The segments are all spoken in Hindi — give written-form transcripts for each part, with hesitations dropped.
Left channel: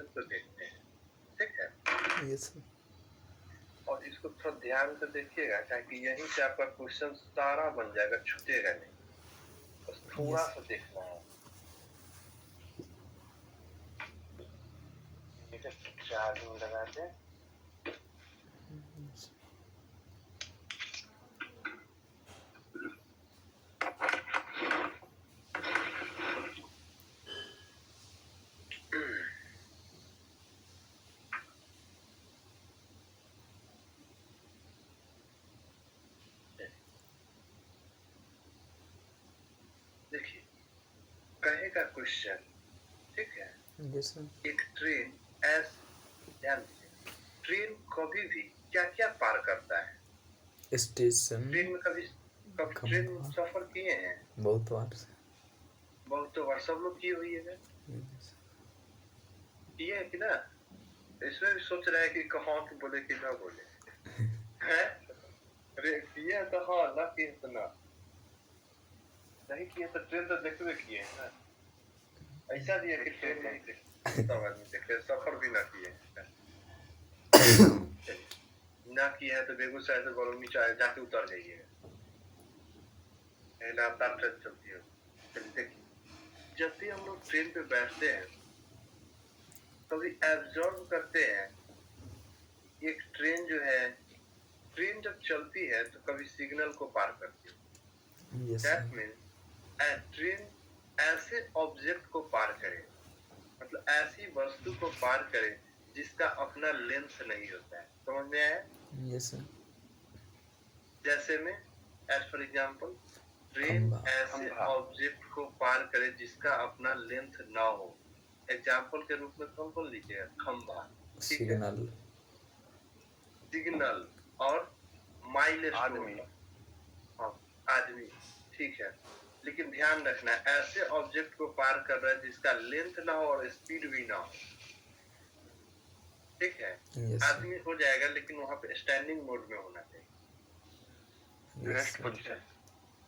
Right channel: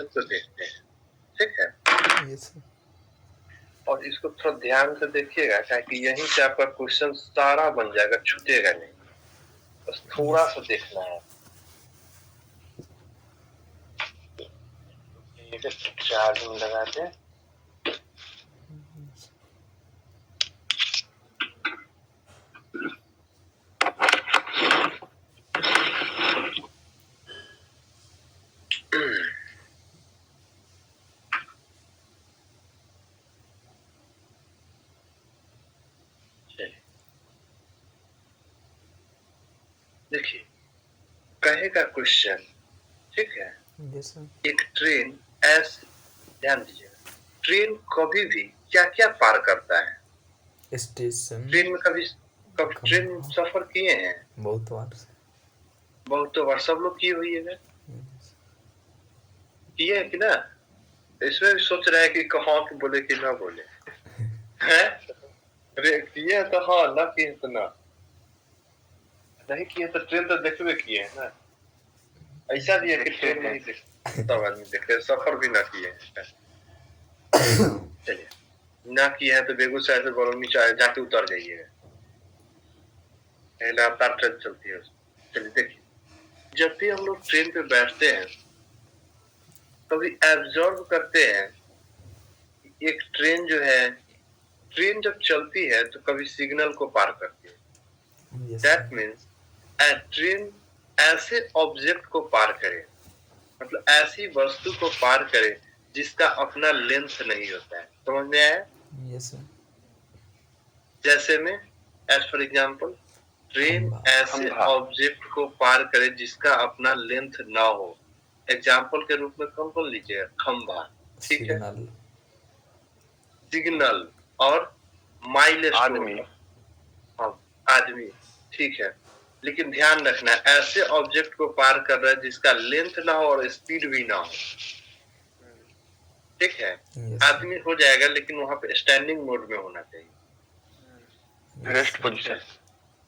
क्वेश्चन को देखते हैं, ठीक है। Yes sir. और इसको थोड़ा ध्यान से देखिएगा, ताकि यहीं से आपका क्वेश्चन सारा बन जाएगा, छूटेगा नहीं। बस थोड़ा सा देखना है। चार्जिंग लगा दे। देखिए, कहेगा क्वेश्चन, ठीक है। Yes sir. एक ट्रेन ऐसे, ध्यान दीजिएगा, ट्रेन कभी भी क्या क्या पार करता है? स्टेशन। ट्रेन में कभी ट्रेन सफर किए हैं? बहुत बार से। बहुत बार, सब लोग किए हुई है, किए है कि ना? इसमें भी सोच रहा है कि हाँ कि बोले कि ना बोले है। अरे किए है तो हाँ, ना किए तो ना। नहीं किए तो ट्रेन तो देखबे किए है ना। ऐसा भी है कि ट्रेन नहीं देखे, सब आदमी देखे, सफर भी ना किए हैं। चलिए, ना किए हैं तो बेगूसराय से बरौनी जाके उतर जाइएगा, लगातार ट्रेन चलती है। चलिए देखिए, जब भी हम लोग ट्रेन पे बैठते हैं, कभी एब्जॉर्व करते हैं, एक ट्रेन जो है, ट्रेन जब चलती है तो कभी सिग्नल को पार करती है। दैट मीन्स ट्रेन ऐसे ऑब्जेक्ट को पार करे, मतलब ऐसी वस्तु को पार करे जिसका अपना लेंथ नहीं होता है। समझ में आया? Yes sir. जैसे में, एज फॉर एग्जाम्पल, ट्रेन ऐसे ऑब्जेक्ट को पार करे जिसका अपना लेंथ ना हो। एग्जाम्पल के रूप में कौन कौन लीजिएगा? खंभा, ठीक है, सिग्नल, सिग्नल और माइलस्टोन, हाँ, आदमी, ठीक है। लेकिन ध्यान रखना, ऐसे ऑब्जेक्ट को पार कर रहा है जिसका लेंथ ना हो और स्पीड भी ना हो, ठीक है। आदमी हो जाएगा, लेकिन वहां पे स्टैंडिंग मोड में होना चाहिए, रेस्ट पोजीशन।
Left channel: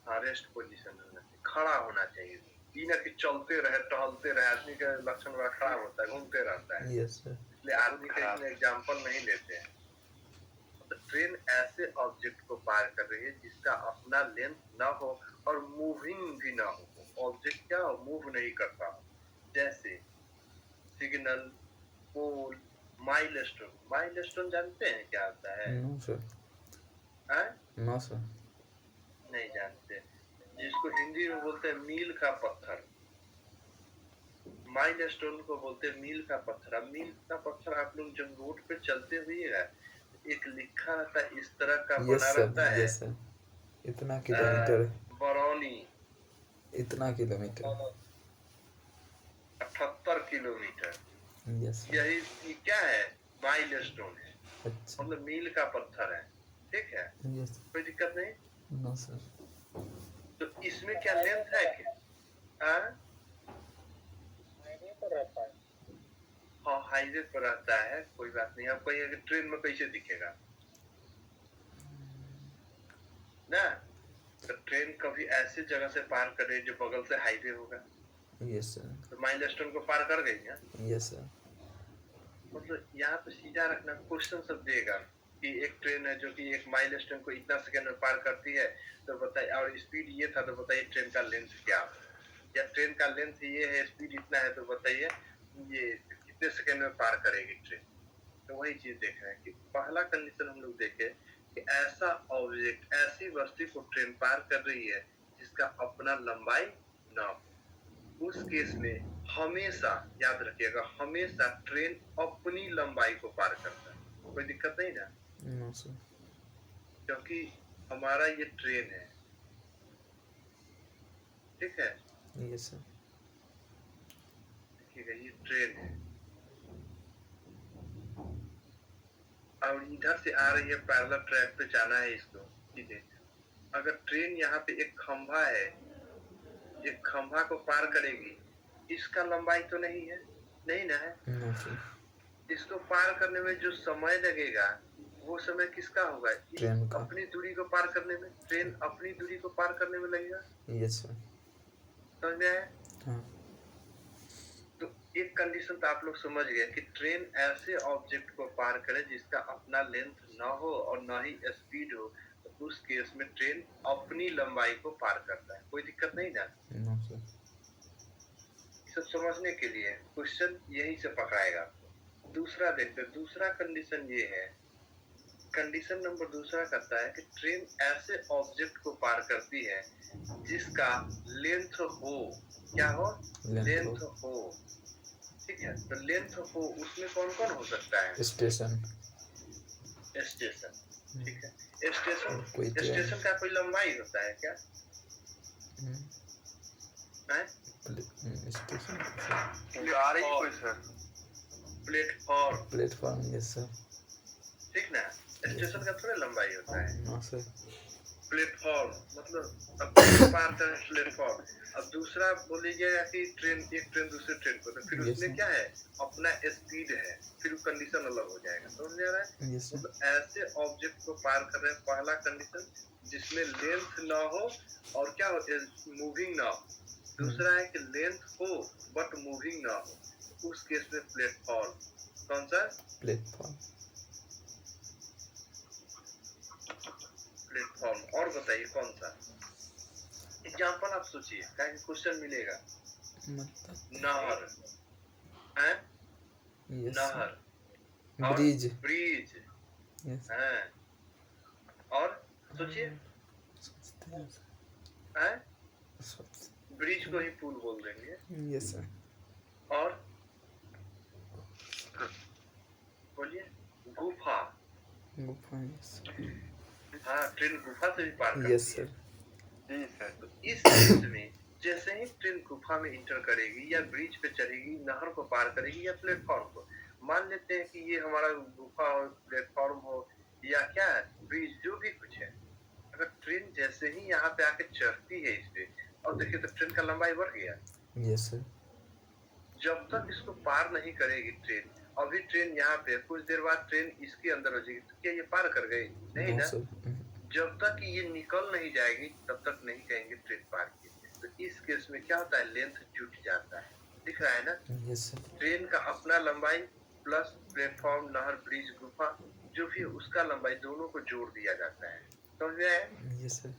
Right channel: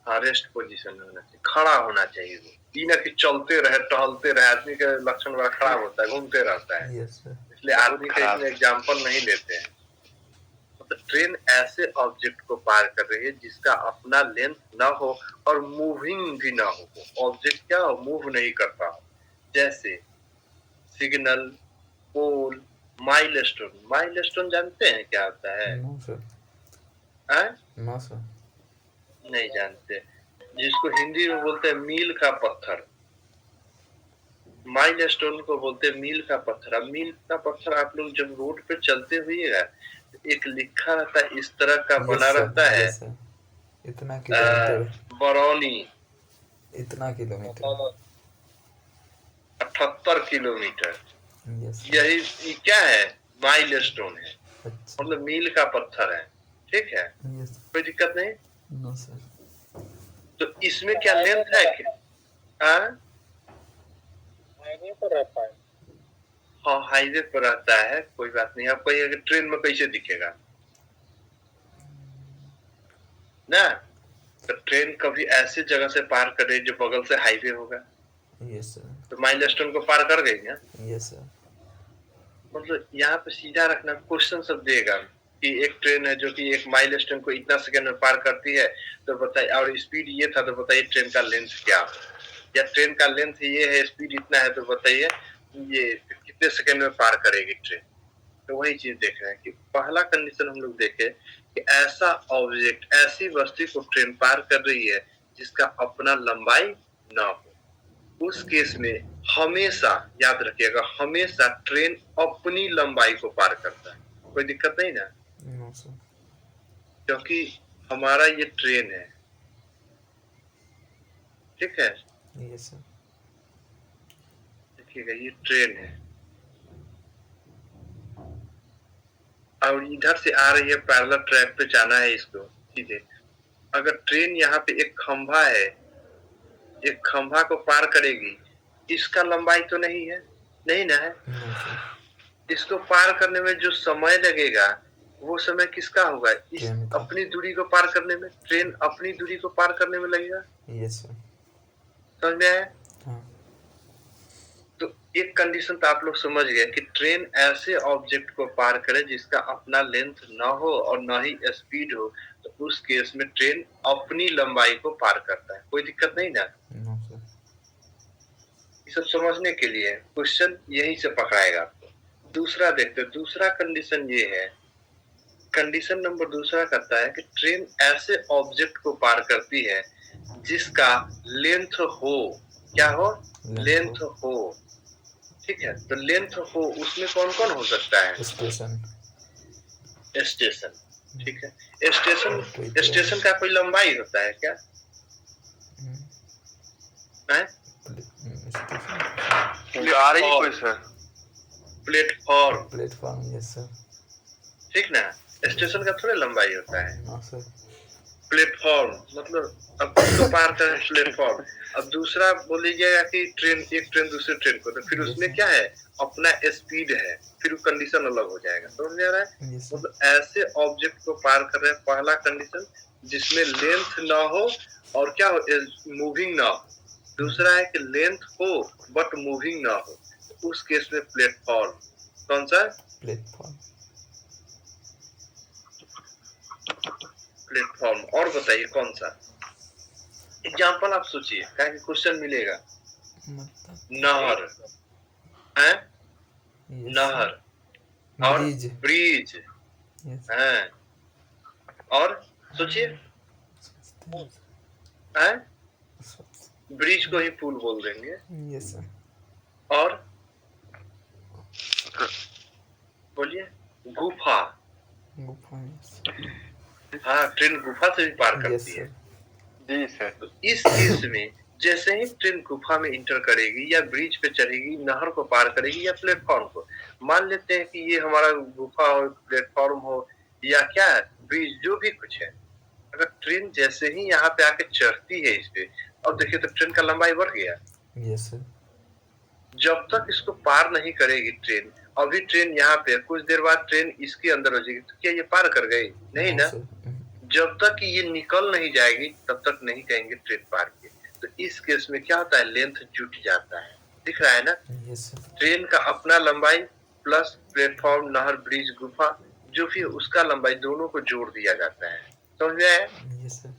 हाँ, रेस्ट पोजीशन में होना चाहिए, खड़ा होना चाहिए। ये ना कि चलते रहे, टहलते रहे, आदमी का लक्षण बड़ा खराब होता है, घूमते रहता है। इसलिए आदमी का इसमें एग्जाम्पल नहीं लेते हैं। तो ट्रेन ऐसे ऑब्जेक्ट को पार कर रही है जिसका अपना लेंथ ना हो और मूविंग भी ना हो। ऑब्जेक्ट क्या हो? मूव नहीं करता हो। जैसे सिग्नल, पोल, माइलस्टोन। माइलस्टोन जानते हैं क्या होता है? No sir. No sir. नहीं जानते। जिसको हिंदी में बोलते हैं मील का पत्थर, माइलस्टोन को बोलते हैं मील का पत्थर। अब मील का पत्थर आप लोग जब रोड पे चलते हुए, एक लिखा रहता है, इस तरह का बना रहता है, इतना किलोमीटर, बरौनी, इतना किलोमीटर, 78 किलोमीटर। यस यही ये क्या है? माइलस्टोन है, अच्छा, मतलब मील का पत्थर है, ठीक है। यस। कोई दिक्कत नहीं। No sir. तो इसमें क्या लेंथ है क्या? हाँ, हाँ, हाईवे पर रहता है, कोई बात नहीं। आपको ये ट्रेन में कैसे दिखेगा ना? तो ट्रेन कभी ऐसी जगह से पार करे जो बगल से हाईवे होगा, यस सर। तो माइलस्टोन को पार कर गई ना। Yes sir. मतलब यहाँ पे सीधा रखना, क्वेश्चन सब देगा कि एक ट्रेन है जो कि एक माइलस्टोन को इतना सेकंड में पार करती है, तो बताइए, और स्पीड ये था, तो बताइए ट्रेन का लेंथ क्या है? या ट्रेन का लेंथ ये है, स्पीड इतना है, तो बताइए ये कितने सेकंड में पार करेगी ट्रेन? तो वही चीज देख रहे हैं कि पहला कंडीशन हम लोग देखे कि ऐसा ऑब्जेक्ट, ऐसी वस्तु को ट्रेन पार कर रही है जिसका अपना लंबाई ना हो। उस केस में हमेशा याद रखिएगा, हमेशा ट्रेन अपनी लंबाई को पार करता है। कोई दिक्कत नहीं ना? No sir. क्योंकि हमारा ये ट्रेन है, ठीक है। Yes sir. देखिएगा, ये ट्रेन है और इधर से आ रही है, पैरेलल ट्रैक पे जाना है इसको, सीधे। अगर ट्रेन यहाँ पे एक खंभा है, एक खंभा को पार करेगी, इसका लंबाई तो नहीं है, नहीं ना है। No sir. इसको पार करने में जो समय लगेगा, वो समय किसका होगा? इस ट्रेन का। अपनी दूरी को पार करने में, ट्रेन अपनी दूरी को पार करने में लगेगा। Yes sir. समझ में आया? हाँ। तो एक कंडीशन तो आप लोग समझ गए कि ट्रेन ऐसे ऑब्जेक्ट को पार करे जिसका अपना लेंथ ना हो और ना ही स्पीड हो, तो उस केस में ट्रेन अपनी लंबाई को पार करता है। कोई दिक्कत नहीं ना? No sir. ये सब समझने के लिए क्वेश्चन यहीं से पकड़ाएगा आपको। दूसरा देखते हैं, दूसरा कंडीशन ये है, कंडीशन नंबर दूसरा कहता है कि ट्रेन ऐसे ऑब्जेक्ट को पार करती है जिसका लेंथ हो, क्या हो? लेंथ हो। ठीक है, तो लेंथ हो उसमें कौन कौन हो सकता है? स्टेशन। स्टेशन। ठीक है, स्टेशन। कोई ट्रेन। स्टेशन का कोई लंबाई होता है क्या? है? स्टेशन। आ रही है कोई sir? Platform. Platform, yes sir. ठीक ना, स्टेशन का थोड़ा लंबाई होता है। No sir. प्लेटफॉर्म मतलब अब किसको पार करें? प्लेटफॉर्म। अब दूसरा बोल लीजिएगा कि ट्रेन, एक ट्रेन दूसरे ट्रेन को, तो फिर Yes, उसमें sir. क्या है? अपना स्पीड है, फिर कंडीशन अलग हो जाएगा। समझ में आ रहा है? Yes, sir. मतलब ऐसे ऑब्जेक्ट को पार कर रहे हैं, पहला कंडीशन जिसमें लेंथ ना हो और क्या हो? मूविंग ना हो। दूसरा है कि लेंथ हो बट मूविंग ना हो, तो उस केस में प्लेटफॉर्म। कौन सा? प्लेटफॉर्म। प्लेटफॉर्म। और बताइए कौन सा एग्जाम्पल आप सोचिए, क्या क्वेश्चन मिलेगा? मतलब नहर है, yes, नहर sir. और ब्रिज। ब्रिज यस है, और सोचिए है, ब्रिज को ही पुल बोल देंगे। Yes sir. और बोलिए गुफा। गुफा, यस। हाँ, ट्रेन गुफा से भी पार यस करती है। सर। जी सर। तो इस केस में जैसे ही ट्रेन गुफा में इंटर करेगी या ब्रिज पे चढ़ेगी, नहर को पार करेगी या प्लेटफॉर्म को, मान लेते हैं कि ये हमारा गुफा हो, प्लेटफॉर्म हो या क्या है, ब्रिज, जो भी कुछ है, अगर ट्रेन जैसे ही यहाँ पे आके चढ़ती है इस पे, अब देखिए तो ट्रेन का लंबाई बढ़ गया। Yes sir. जब तक इसको पार नहीं करेगी ट्रेन, अभी ट्रेन यहाँ पे, कुछ देर बाद ट्रेन इसके अंदर हो जाएगी, तो क्या ये पार कर गई? नहीं ना। जब तक ये निकल नहीं जाएगी तब तक नहीं कहेंगे ट्रेन पार की। तो इस केस में क्या होता है? लेंथ जुट जाता है। दिख रहा है ना? Yes sir. ट्रेन का अपना लंबाई प्लस प्लेटफॉर्म, नहर, ब्रिज, गुफा, जो भी उसका लंबाई, दोनों को जोड़ दिया जाता है। समझ में आया? Yes sir.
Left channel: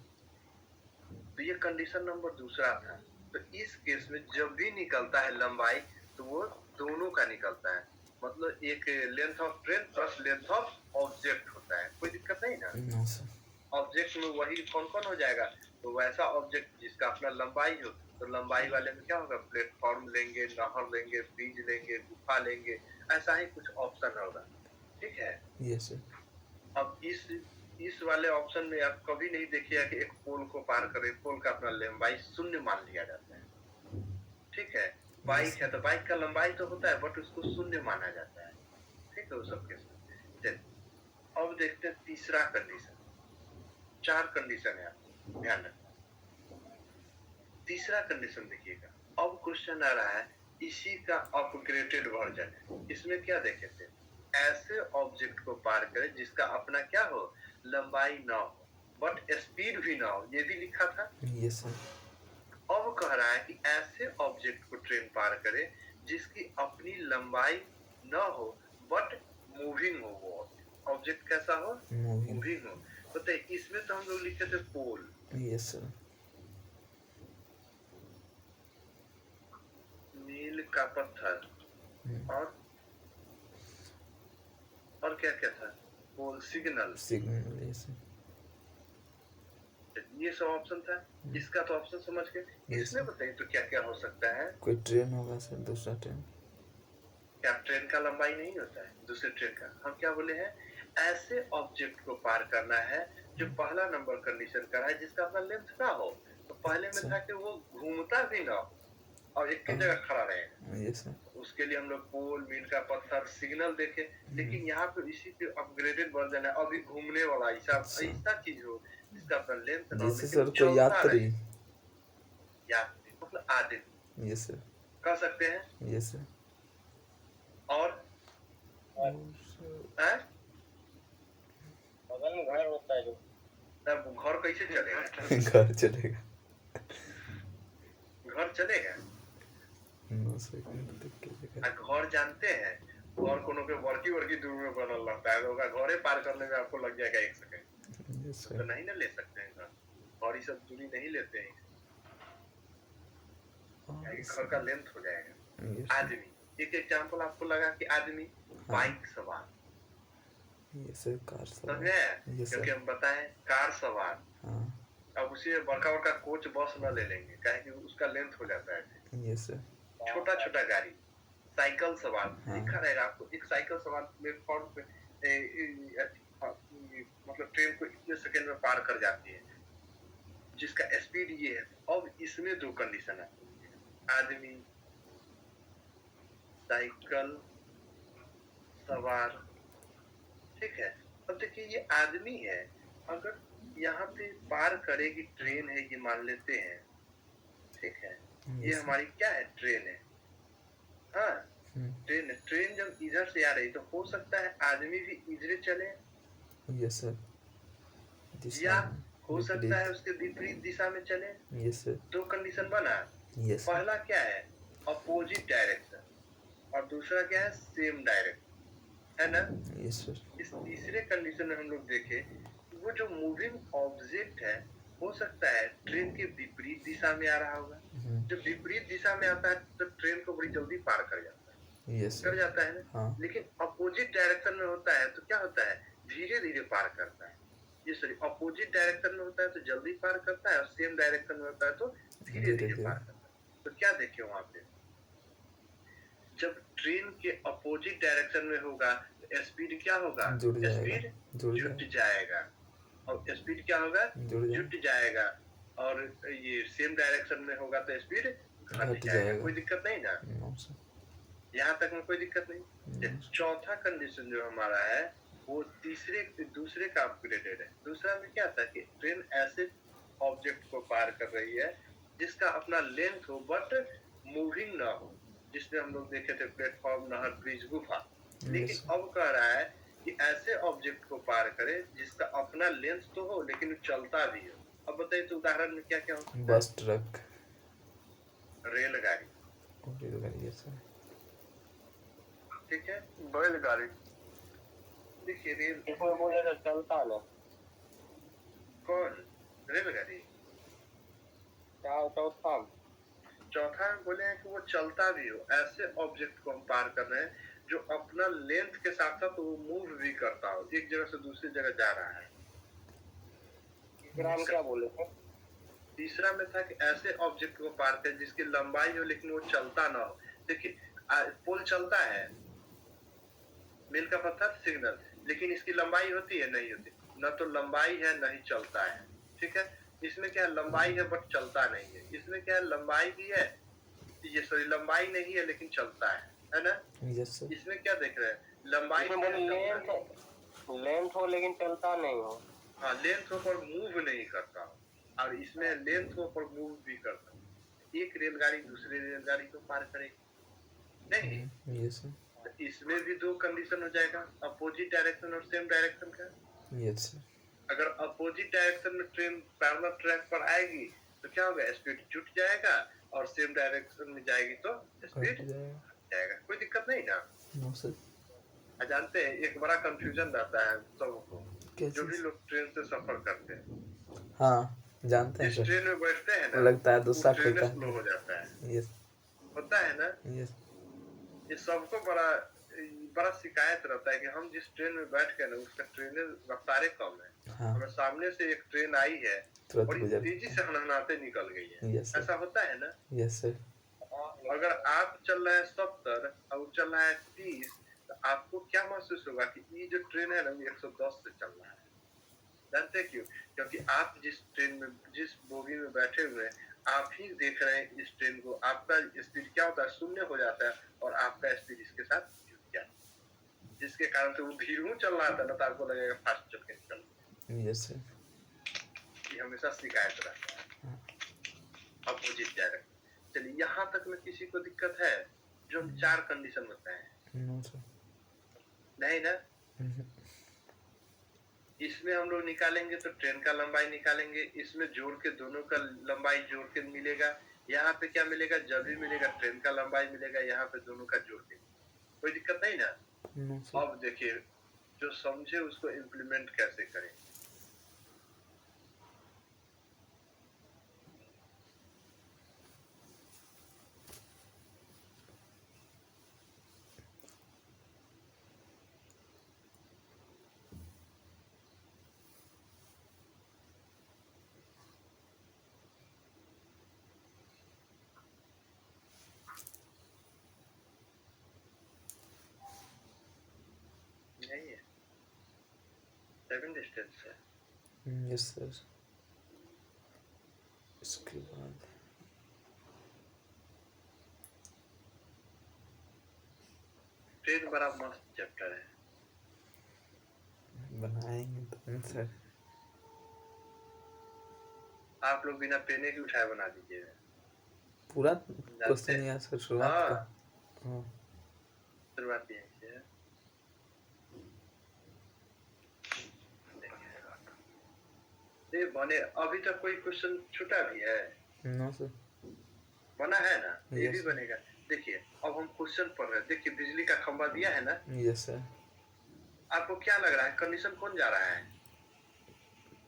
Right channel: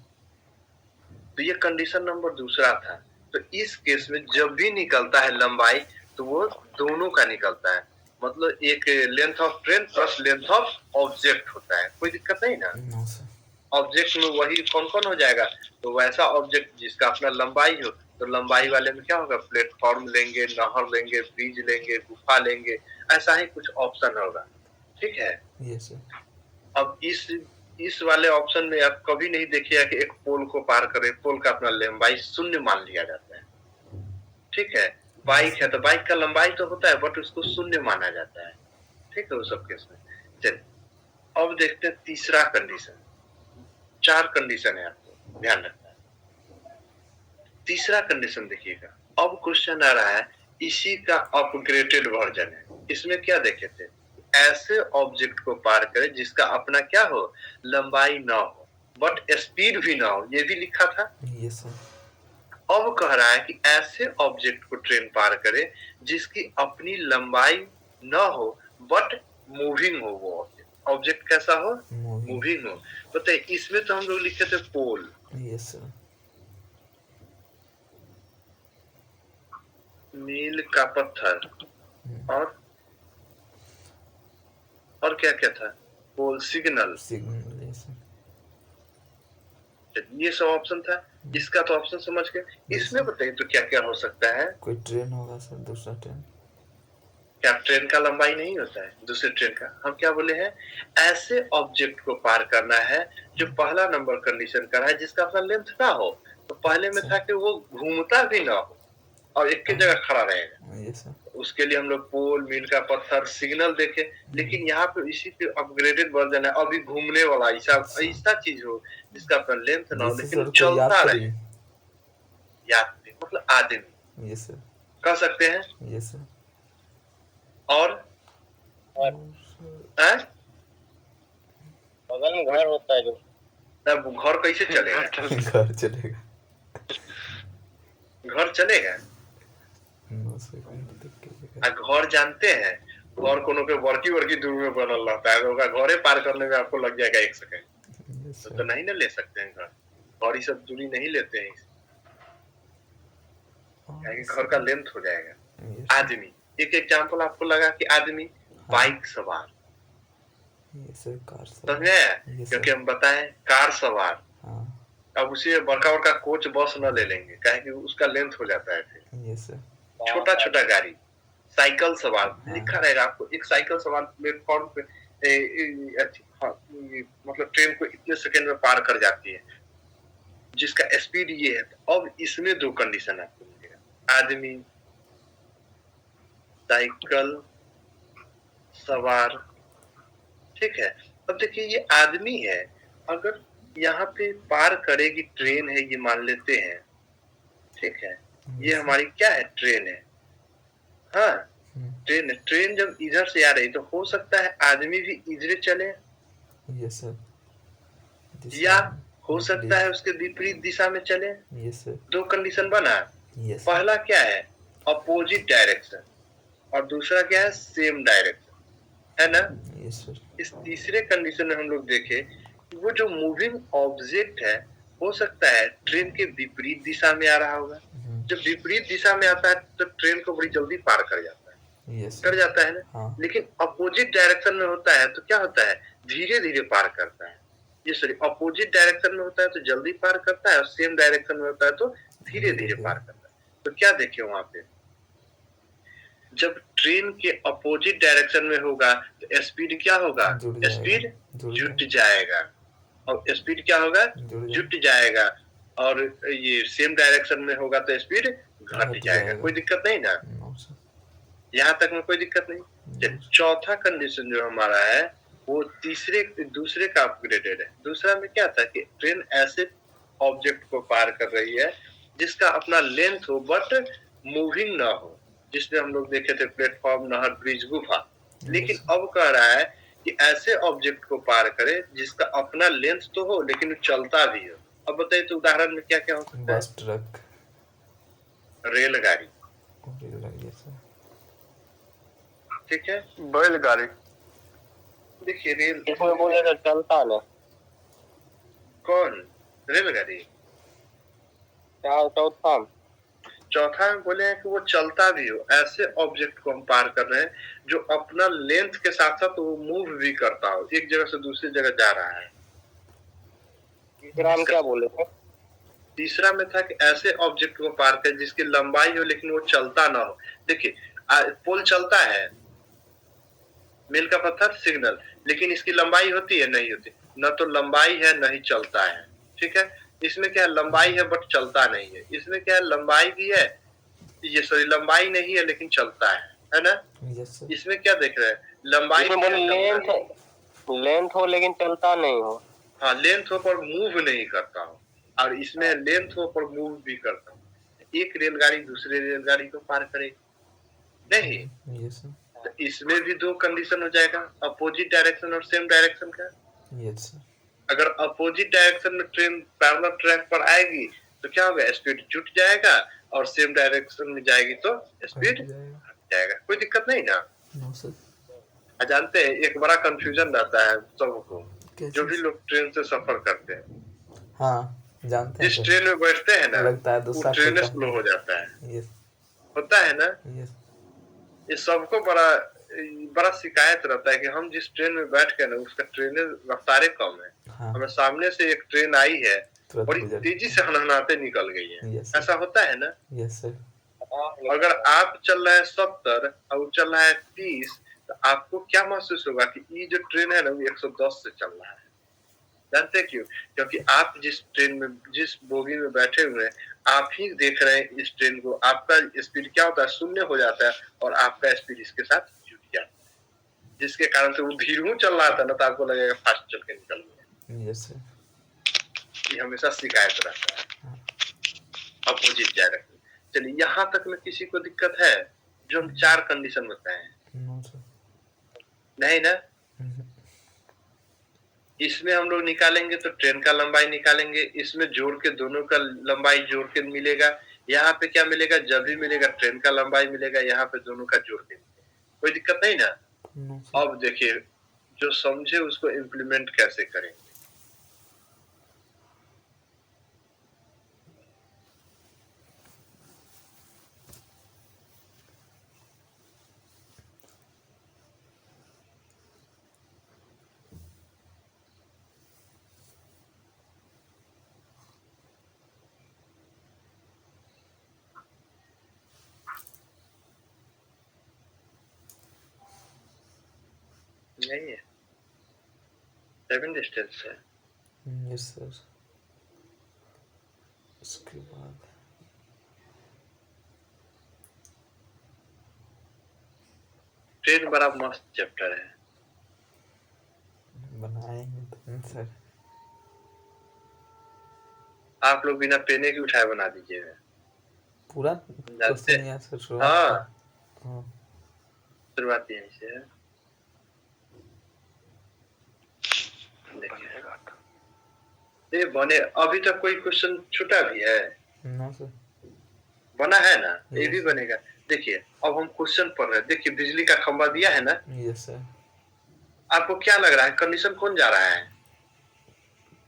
तो ये कंडीशन नंबर दूसरा था। तो इस केस में जब भी निकलता है लंबाई, तो वो दोनों का निकलता है। मतलब एक length of train plus length of object होता है। कोई दिक्कत नहीं ना? No sir. ऑब्जेक्ट में वही कौन कौन हो जाएगा? तो वैसा ऑब्जेक्ट जिसका अपना लंबाई हो, तो लंबाई वाले में क्या होगा? प्लेटफॉर्म लेंगे, नहर लेंगे, ब्रिज लेंगे, गुफा लेंगे, ऐसा ही कुछ ऑप्शन होगा। ठीक है। Yes sir. अब इस वाले ऑप्शन में आप कभी नहीं देखिएगा कि एक पोल को पार करे, पोल का अपना लंबाई शून्य मान लिया जाता है। ठीक है। बाइक है तो बाइक का लंबाई तो होता है बट उसको शून्य माना जाता है। ठीक है, वो सब केस में। चलिए अब देखते हैं तीसरा कंडीशन। 4 कंडीशन है, आपको ध्यान रखना है। तीसरा कंडीशन देखिएगा, अब क्वेश्चन आ रहा है, इसी का अपग्रेडेड वर्जन है। इसमें क्या देखे थे? ऐसे ऑब्जेक्ट को पार करे जिसका अपना क्या हो? लंबाई ना हो बट स्पीड भी ना हो, ये भी लिखा था। Yes sir. अब कह रहा है कि ऐसे ऑब्जेक्ट को ट्रेन पार करे जिसकी अपनी लंबाई ना हो बट मूविंग हो। वो ऑब्जेक्ट कैसा हो? मूविंग हो। बताइए, इसमें तो हम लोग लिखे थे पोल। Yes sir. मील का पत्थर और क्या क्या था? पोल, सिग्नल। Signal, yes sir. ये सब ऑप्शन था। इसका तो ऑप्शन समझ गए। इसमें बताइए तो क्या क्या हो सकता है? कोई ट्रेन होगा सर, दूसरा ट्रेन। क्या ट्रेन का लंबाई नहीं होता है दूसरे ट्रेन का? हम क्या बोले हैं? ऐसे ऑब्जेक्ट को पार करना है जो पहला नंबर कंडीशन का है, जिसका अपना लेंथ ना हो। तो पहले में था कि वो घूमता भी ना हो और एक की जगह खड़ा रहेगा। Yes sir. उसके लिए हम लोग पोल, मील का पत्थर, सिग्नल देखे। लेकिन यहाँ पे इसी पे अपग्रेडेड वर्जन है, अभी घूमने वाला ऐसा चीज हो जिसका अपना लेंथ ना हो लेकिन चलता रहे। यात्री मतलब आदमी। Yes sir. कह सकते हैं। Yes sir. और बगल में घर होता है जो, तब घर कैसे चलेगा? घर चलेगा। घर चलेगा? नो सर, देख के सर। आ घर जानते हैं, घर कोनो के बड़की दूर में बनल रहता है, तो ओकरा घरे पार करने में आपको लग जाएगा 1 सेकंड। यस तो सर। नहीं ना ले सकते हैं घर, और ये सब दूरी नहीं लेते हैं, और घर का लेंथ हो जाएगा। Yes sir. आदमी, एक एग्जांपल आपको लगा कि आदमी हाँ। बाइक सवार, यस सर। कार समझ सवार। में आया? यस क्योंकि सर। हम बताएं कार सवार, हाँ। अब उसे बड़का कोच बस न ले लेंगे, काहे कि उसका लेंथ हो जाता है फिर। Yes sir. छोटा गाड़ी, साइकिल सवार हाँ। लिखा रहेगा आपको, एक साइकिल सवार प्लेटफॉर्म पे मतलब ट्रेन को इतने सेकंड में पार कर जाती है, जिसका स्पीड ये है। अब इसमें 2 कंडीशन आपको मिलेगा, आदमी, साइकिल सवार, ठीक है। अब देखिए ये आदमी है, अगर यहाँ पे पार करेगी ट्रेन है, ये मान लेते हैं, ठीक है, ये हमारी क्या है, ट्रेन है, हाँ ट्रेन है। ट्रेन जब इधर से आ रही तो हो सकता है आदमी भी इधर चले, यस सर। या हो सकता है उसके विपरीत दिशा में चले। Yes sir. 2 कंडीशन बना। यस। पहला क्या है, अपोजिट डायरेक्शन, और दूसरा क्या है, सेम डायरेक्शन, है ना। Yes sir. इस तीसरे कंडीशन में हम लोग देखे, वो जो मूविंग ऑब्जेक्ट है, हो सकता है ट्रेन के विपरीत दिशा में आ रहा होगा। जब विपरीत दिशा में आता है तो ट्रेन को बड़ी जल्दी पार कर जाता है, यस कर जाता है ना। हाँ। लेकिन अपोजिट डायरेक्शन में होता है तो क्या होता है, धीरे धीरे पार करता है। ये सॉरी, अपोजिट डायरेक्शन में होता है तो जल्दी पार करता है, और सेम डायरेक्शन में होता है तो धीरे धीरे पार करता है। तो क्या देखे वहां पे, जब ट्रेन के अपोजिट डायरेक्शन में होगा तो स्पीड क्या होगा, स्पीड जुट जाएगा, और स्पीड क्या होगा, जुट जाएगा। और ये सेम डायरेक्शन में होगा तो स्पीड घट जाएगा। कोई दिक्कत नहीं ना, यहाँ तक में कोई दिक्कत नहीं। चौथा कंडीशन जो हमारा है वो दूसरे का अपग्रेडेड है। दूसरा में क्या था कि ट्रेन ऐसे ऑब्जेक्ट को पार कर रही है जिसका अपना लेंथ हो बट मूविंग ना हो, जिसमें हम लोग देखे थे प्लेटफॉर्म, नहर, ब्रिज, गुफा। लेकिन अब कह रहा है कि ऐसे ऑब्जेक्ट को पार करे जिसका अपना लेंथ तो हो लेकिन वो चलता भी हो। अब बताइए तो उदाहरण में क्या क्या हो सकता है, बस, ट्रक, रेलगाड़ी, ठीक है, बैलगाड़ी। देखिए रेल, इसमें बोलेगा चलता ना, कौन, रेलगाड़ी। चौथा में बोले हैं कि वो चलता भी हो, ऐसे ऑब्जेक्ट को हम पार कर रहे हैं जो अपना लेंथ के साथ साथ वो मूव भी करता हो, एक जगह से दूसरी जगह जा रहा है। तीसरा में क्या बोले थे, तीसरा में था कि ऐसे ऑब्जेक्ट को पार कर जिसकी लंबाई हो लेकिन वो चलता ना हो। देखिए पोल चलता है, मील का पत्थर, सिग्नल, लेकिन इसकी लंबाई होती है, नहीं होती, न तो लंबाई है न ही चलता है, ठीक है। इसमें क्या है, लंबाई है बट चलता नहीं है। इसमें क्या है, लंबाई भी है, ये सॉरी लंबाई नहीं है लेकिन चलता है ना। इसमें क्या देख रहे हैं, लंबाई लेंथ हो लेकिन चलता नहीं हो। हाँ, लेंथ हो पर मूव नहीं करता हो, और इसमें लेंथ हो पर मूव भी करता हो। एक रेलगाड़ी दूसरे रेलगाड़ी को पार करेगी नहीं, तो इसमें भी 2 कंडीशन हो जाएगा, अपोजिट डायरेक्शन और सेम डायरेक्शन का। अगर अपोजिट डायरेक्शन में ट्रेन पैरेलल ट्रैक पर आएगी तो क्या होगा, स्पीड जुट जाएगा, और सेम डायरेक्शन में जाएगी तो स्पीड घट जाएगा। कोई दिक्कत नहीं ना। जानते हैं एक बड़ा कंफ्यूजन रहता है सबको, जो भी लोग ट्रेन से सफर करते हैं, हाँ जानते हैं, जिस ट्रेन में बैठते हैं ना, लगता है दूसरा ट्रेन स्लो हो जाता है, होता है ना। ये सबको बड़ा शिकायत रहता है कि हम जिस ट्रेन में बैठ के ना, उसका ट्रेन रफ्तारे कम है। हाँ। हमें सामने से एक ट्रेन आई है, बड़ी तेजी से हनहनाते निकल गई है, ऐसा होता है ना। Yes sir. अगर आप चल रहे हैं 70 और चल रहा है 30, तो आपको क्या महसूस होगा कि ये जो ट्रेन है ना वो 110 से चल रहा है। जानते क्यों? क्योंकि आप जिस ट्रेन में, जिस बोगी में बैठे हुए हैं, आप ही देख रहे हैं इस ट्रेन को। आपका स्पीड क्या होता है, शून्य हो जाता है, और आपका स्पीड इसके साथ जुट जाता है, जिसके कारण से वो धीरे चल रहा था ना, तो आपको लगेगा फास्ट चल के निकल गया। Yes sir. ये हमेशा शिकायत रहता है अपोजिट डायरेक्शन। चलिए यहाँ तक में किसी को दिक्कत है, जो हम 4 कंडीशन बताए हैं? No sir. नहीं ना। इसमें हम लोग निकालेंगे तो ट्रेन का लंबाई निकालेंगे, इसमें जोड़ के दोनों का लंबाई जोड़ के मिलेगा, यहाँ पे क्या मिलेगा, जब भी मिलेगा ट्रेन का लंबाई मिलेगा, यहाँ पे दोनों का जोड़ के मिलेगा। कोई दिक्कत नहीं ना। No sir. अब देखिए, जो समझे उसको इम्प्लीमेंट कैसे करें। नहीं है, 7 डिस्टेंस है। Yes sir. उसके बाद ट्रेन बड़ा मस्त चैप्टर है। बनाएंगे तो सर। आप लोग बिना पेने के उठाए बना दीजिएगा। पूरा जानते क्वेश्चन यहाँ सर शुरुआत हाँ, का। हाँ शुरुआत यहीं से है। देखिए, ये बने अभी तक कोई क्वेश्चन छूटा भी है? No sir. बना है ना, ये भी Yes. बनेगा। देखिए, अब हम क्वेश्चन पढ़ रहे हैं। देखिए, बिजली का खंभा दिया है ना, यस सर। आपको क्या लग रहा है, कंडीशन कौन जा रहा है?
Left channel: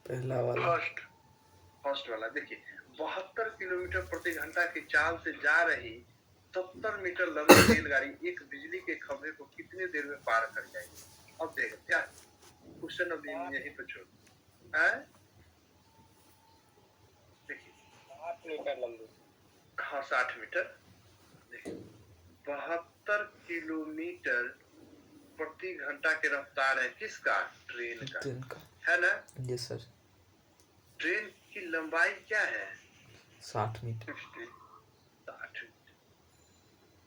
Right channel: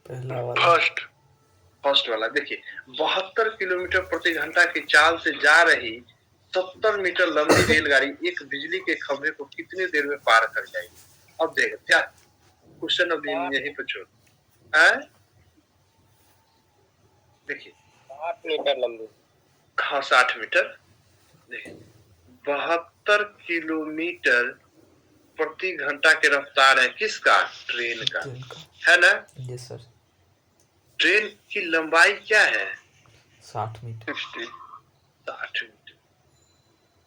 पहला वाला। फर्स्ट वाला। देखिए, 72 किलोमीटर प्रति घंटा की चाल से जा रही 70 मीटर लंबी रेलगाड़ी एक बिजली के खंभे को कितनी देर में पार कर जाएगी? अब देखो क्या क्वेश्चन, अब यहीं पे छोड़। देखिए, 60 मीटर लंबी। हाँ, 60 मीटर। देखिए, 72 किलोमीटर प्रति घंटा की रफ्तार है किसका? ट्रेन का, है ना? Yes sir. ट्रेन की लंबाई क्या है? 60 मीटर। 60 मीटर।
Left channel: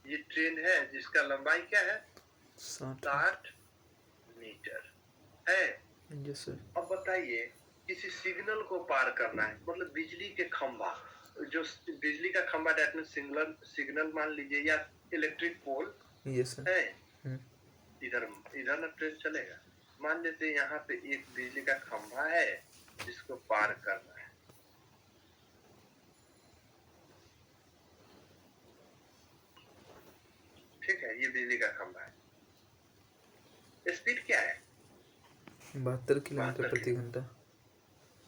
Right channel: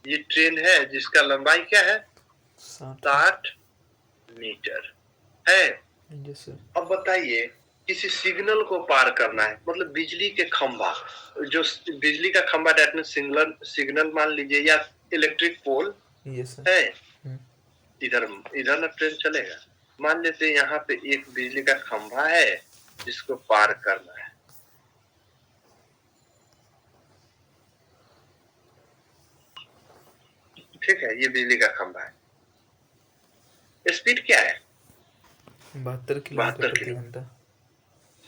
ये ट्रेन है जिसका लंबाई क्या है? 60 मीटर है। Yes sir. अब बताइए, किसी सिग्नल को पार करना है, मतलब बिजली के खंभा, जो बिजली का खंभा डेट में सिग्नल मान लीजिए, या इलेक्ट्रिक पोल यस सर। है। इधर ना ट्रेन चलेगा। मान लेते हैं यहाँ पे एक बिजली का खंभा है जिसको पार करना है। ठीक है, ये बिजली का खंभा है। स्पीड क्या है? 72 किलोमीटर प्रति घंटा।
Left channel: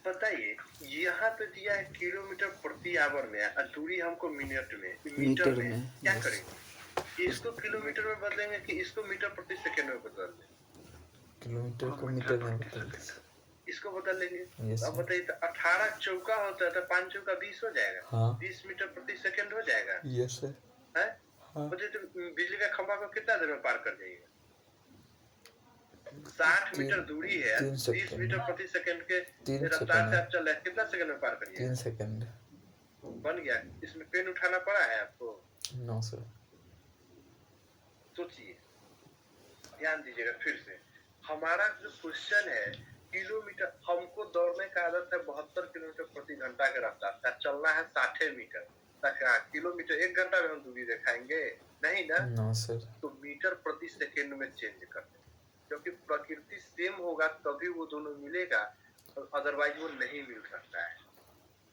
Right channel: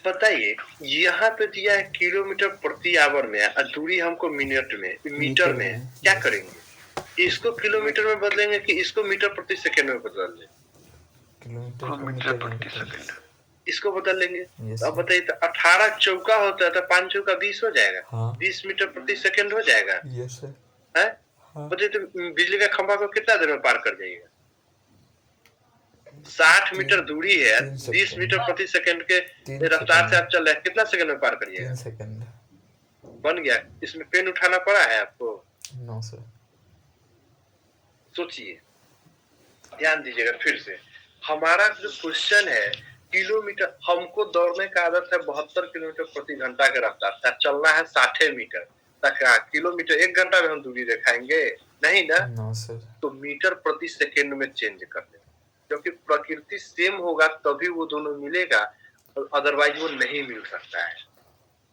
बताइए, यहाँ पे दिया है किलोमीटर प्रति आवर में और दूरी हमको मिनट में, मीटर में। क्या करेंगे, इसको किलोमीटर में बदलेंगे कि इसको मीटर प्रति सेकंड में बदल लेंगे? किलोमीटर को मीटर में बदल। इसको बदल लेंगे। Yes, अब बताइए, तो 18 चौका होता है तो 5 चौका 20 हो जाएगा। हाँ। 20 मीटर प्रति सेकंड हो जाएगा। Yes sir. है? हाँ। बताइए, तो बिजली का खंभा को कितना देर में पार कर जाएगा? 60 मीटर दूरी है, 20 मीटर प्रति सेकंड के रफ्तार से आप चल रहे हैं, कितना सेकंड में पार करिएगा? 3 सेकंड। बन गया। इसमें पेन उठाना पड़ा है आपको? No sir. सोचिए, ध्यान दीजिएगा फिर से। हमारा जो क्वेश्चन है, किलोमीटर, हमको दौड़ने का आदत है 72 किलोमीटर प्रति घंटा के रफ्तार से, चलना है 60 मीटर तक। किलोमीटर 1 घंटा में हम दूरी दिखाएंगे? नहीं ना। No sir. तो मीटर प्रति सेकंड में चेंज कर देंगे, क्योंकि प्रकृति सेम होगा तभी वो दोनों मिलेगा, अदरवाइज वो नहीं मिल सकता है।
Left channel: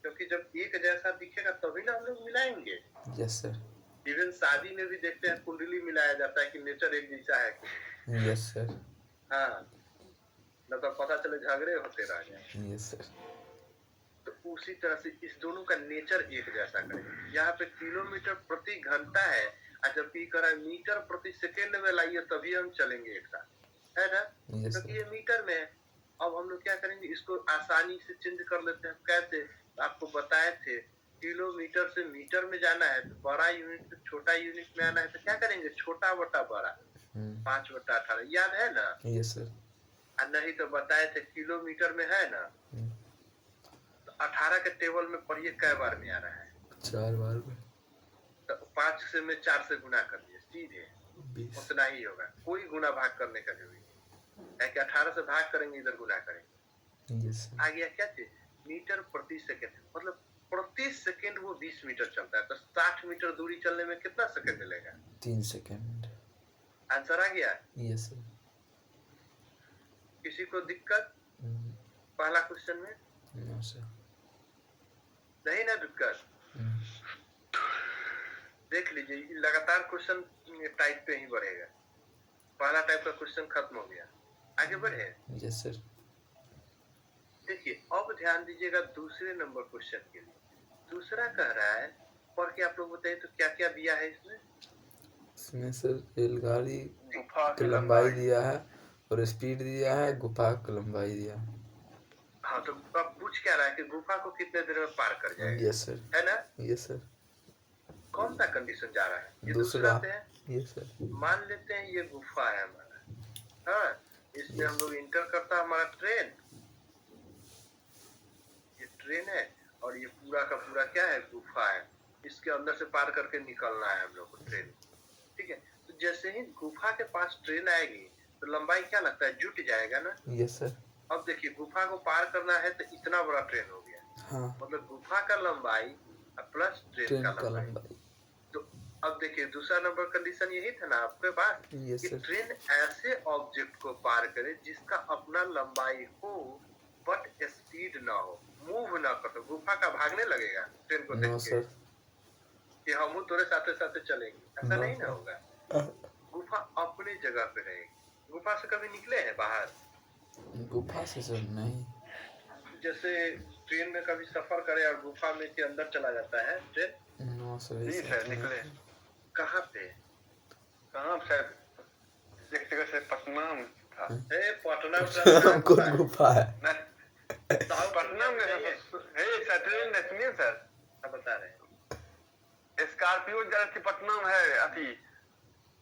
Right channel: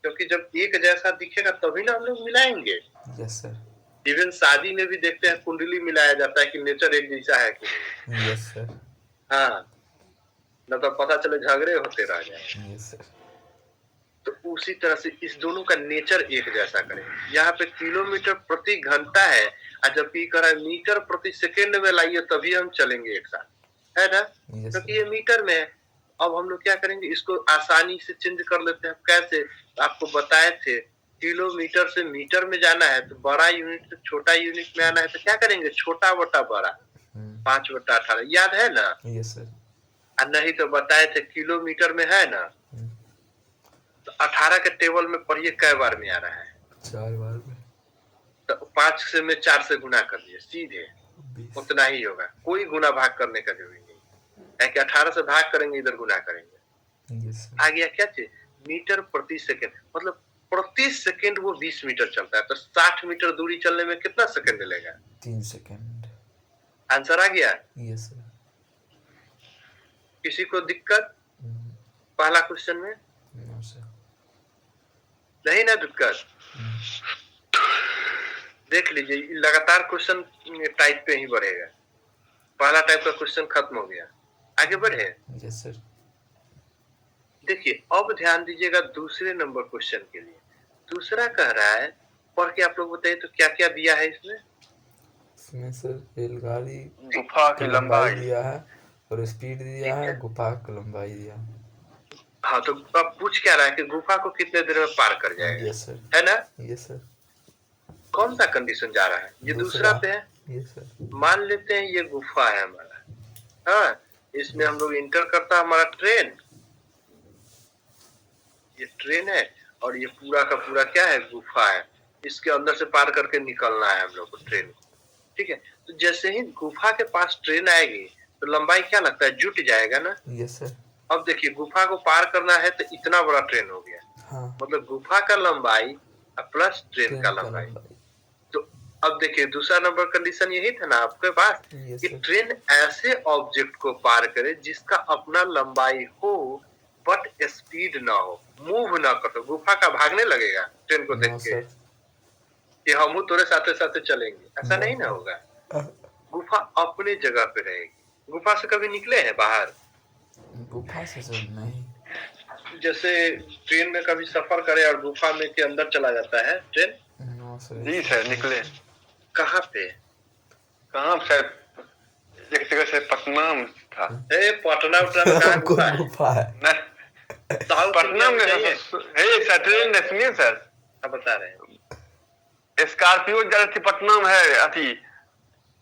क्योंकि जब एक जैसा दिखेगा तभी ना हम लोग मिलाएंगे। Yes sir. इवन शादी में भी देखते हैं, कुंडली मिलाया जाता है कि नेचर एक जैसा है कि नहीं। Yes sir. हाँ, न तो पता चले झगड़े होते रह जाए। Yes sir. तो उसी तरह से इस दोनों का नेचर एक जैसा करें। यहाँ पे किलोमीटर प्रति घंटा है, और जबकि करा मीटर प्रति सेकंड में लाइए तभी हम चलेंगे एक साथ, है ना? क्योंकि ये मीटर में है। अब हम लोग क्या करेंगे, इसको आसानी से चेंज कर लेते हैं। कैसे? आपको बताए थे, किलोमीटर से मीटर में जाना है तो बड़ा यूनिट से छोटा यूनिट में आना है, तो क्या करेंगे, छोटा बटा बड़ा, 5/18। याद है ना? Yes sir. नहीं तो बताए थे किलोमीटर में है ना, तो 18 के टेबल में पढ़िए कै बार में आ रहा है? 4 बार में। तो 5 से में 4 से गुना कर दिए, सीधे 20। उतना ही होगा। कोई गुना भाग करने का जरूरी नहीं है कि 18 से भाग करेंगे, इधर गुना करेंगे। Yes sir. आ गया क्या चीज? मीटर प्रति सेकंड, मतलब प्रति सेकंड वो 20 मीटर चलता है, तो 60 मीटर दूरी चलने में कितना सेकंड लेगा? 3 सेकंड। आंसर आ गया? Yes sir. किसी को दिक्कत पहला क्वेश्चन में? No sir. नहीं ना दिक्कत? देख लीजिए, ये लगातार क्वेश्चन टाइप पे ही बढ़ेगा। पहला टाइप का क्वेश्चन खत्म हो गया, आगे बढ़े। Yes sir. देखिए अब ध्यान दीजिएगा दूसरे नंबर क्वेश्चन के लिए। दूसरा कह रहा है, पढ़ के आप लोग बताइए तो क्या क्या दिया है इसमें। इसमें सर रेलगाड़ी गुफा की की लंबाई लंबाई दिया है और स्पीड दिया ठीक है, है। गुफा की लंबाई दिया है। हाँ तो अब पूछ क्या रहा है कि गुफा को कितने देर में पार कर जाएगा, यस सर। है ना। Yes sir. कौन सा कंडीशन जा रहा है, ये दूसरा पे है। Yes sir. मान लेते हैं ये गुफा है हमारा, हाँ, इसमें हम लोग इंटर करता है हमारा ट्रेन, ये ट्रेन है और ये पूरा का पूरा क्या है, गुफा है। इसके अंदर से पार करके निकलना है हम लोग को ट्रेन को, ठीक है। तो जैसे ही गुफा के पास ट्रेन आएगी तो लंबाई क्या लगता है, जुट जाएगा ना। Yes sir. अब देखिए गुफा को पार करना है तो इतना बड़ा ट्रेन हो गया, हाँ, मतलब गुफा का लंबाई प्लस ट्रेन का लंबाई। तो अब देखिए दूसरा नंबर कंडीशन यही था ना आपके पास, यस कि सर। ट्रेन ऐसे ऑब्जेक्ट को पार करे जिसका अपना लंबाई हो बट स्पीड ना हो, मूव ना कर। तो गुफा का भागने लगेगा ट्रेन को देख नो के सर। कि हम तोरे साथे साथे चलेंगे, ऐसा नो। नहीं ना होगा। गुफा अपने जगह पे रहेगी। गुफा से कभी निकले हैं बाहर, गुफा से सर नहीं। जैसे ट्रेन में कभी सफर करे और गुफा में के अंदर चला जाता है ट्रेन। No sir. जी सर निकले। कहाँ पे, कहाँ सर, एक जगह से पटना में था। ए पटना उटना में कहाँ हमको गुफा है, गुफा है। साउथ पटना इंडिया में में जाइए। है सर, ट्रेन में सुनिए सर, आप बता रहे हैं, स्कॉर्पियो जा रही थी पटना में, है अथी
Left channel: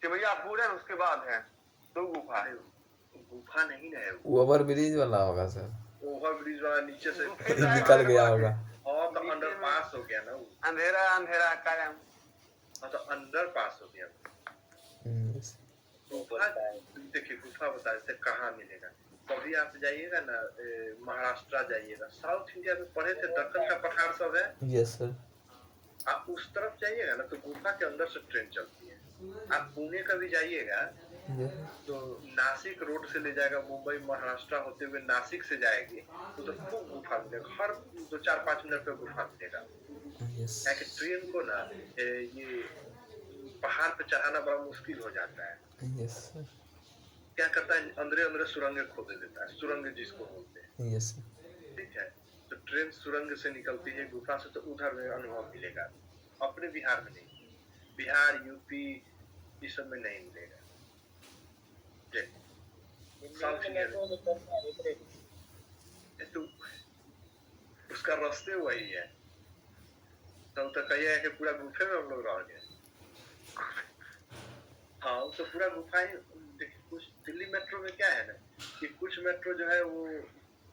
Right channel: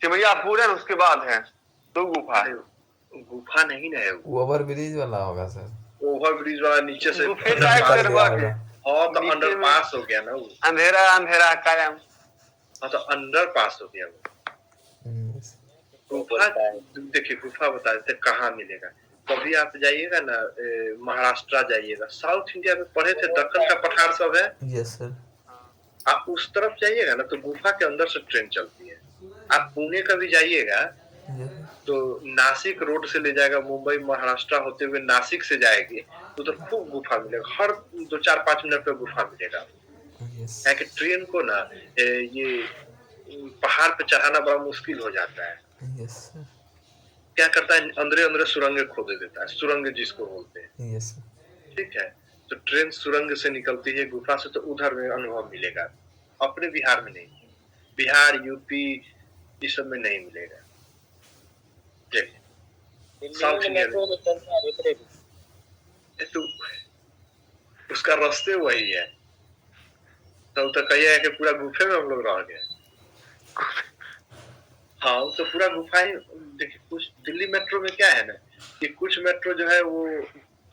सिमरियापुर है, उसके बाद है दो गुफा है। गुफा नहीं ना है वो ओवर ब्रिज वाला होगा सर। ओवर ब्रिज वाला नीचे से गुफे निकल टाइप अंडरपास से गया हुआ होगा। हाँ तो नीचे अंडर में पास हो गया ना वो, अंधेरा अंधेरा कायम। हाँ तो अंडर पास हो गया वो। यस। गुफा देखिए, गुफा बता देते कहाँ मिलेगा। कभी आप जाइएगा ना महाराष्ट्र जाइएगा, साउथ इंडिया में पढ़े थे दक्कन का पठार सब है, यस सर। आप उस तरफ जाइएगा ना तो गुफा के अंदर से ट्रेन चलती है। आप पुणे कभी जाइएगा यस। तो नासिक रोड से ले जाएगा, मुंबई महाराष्ट्र होते हुए नासिक से जाएगी तो उधर खूब गुफा मिलेगा, हर 2-4-5 मिनट पे गुफा मिलेगा। यस। है कि ट्रेन को ना ये पहाड़ पे चढ़ाना बड़ा मुश्किल हो जाता है। Yes sir. क्या करता है, अंदर अंदर सुरंग खोद देता है, सुरंग जिसको बोलते हैं, यस सर। ठीक है। तो ट्रेन सुरंग से निकलती है गुफा से, तो उधर में अनुभव मिलेगा, अपने बिहार में नहीं, बिहार यूपी इस सब में नहीं मिलेगा। साउथ इंडिया में तो उसका रास्ते वही है, तो कहिए है कि पूरा गुफे में हम लोग रह गए। हाँ तो पूरा गुफा ही। देखिए कुछ दिल्ली मेट्रो में क्या है ना, कि कुछ मेट्रो जो है वो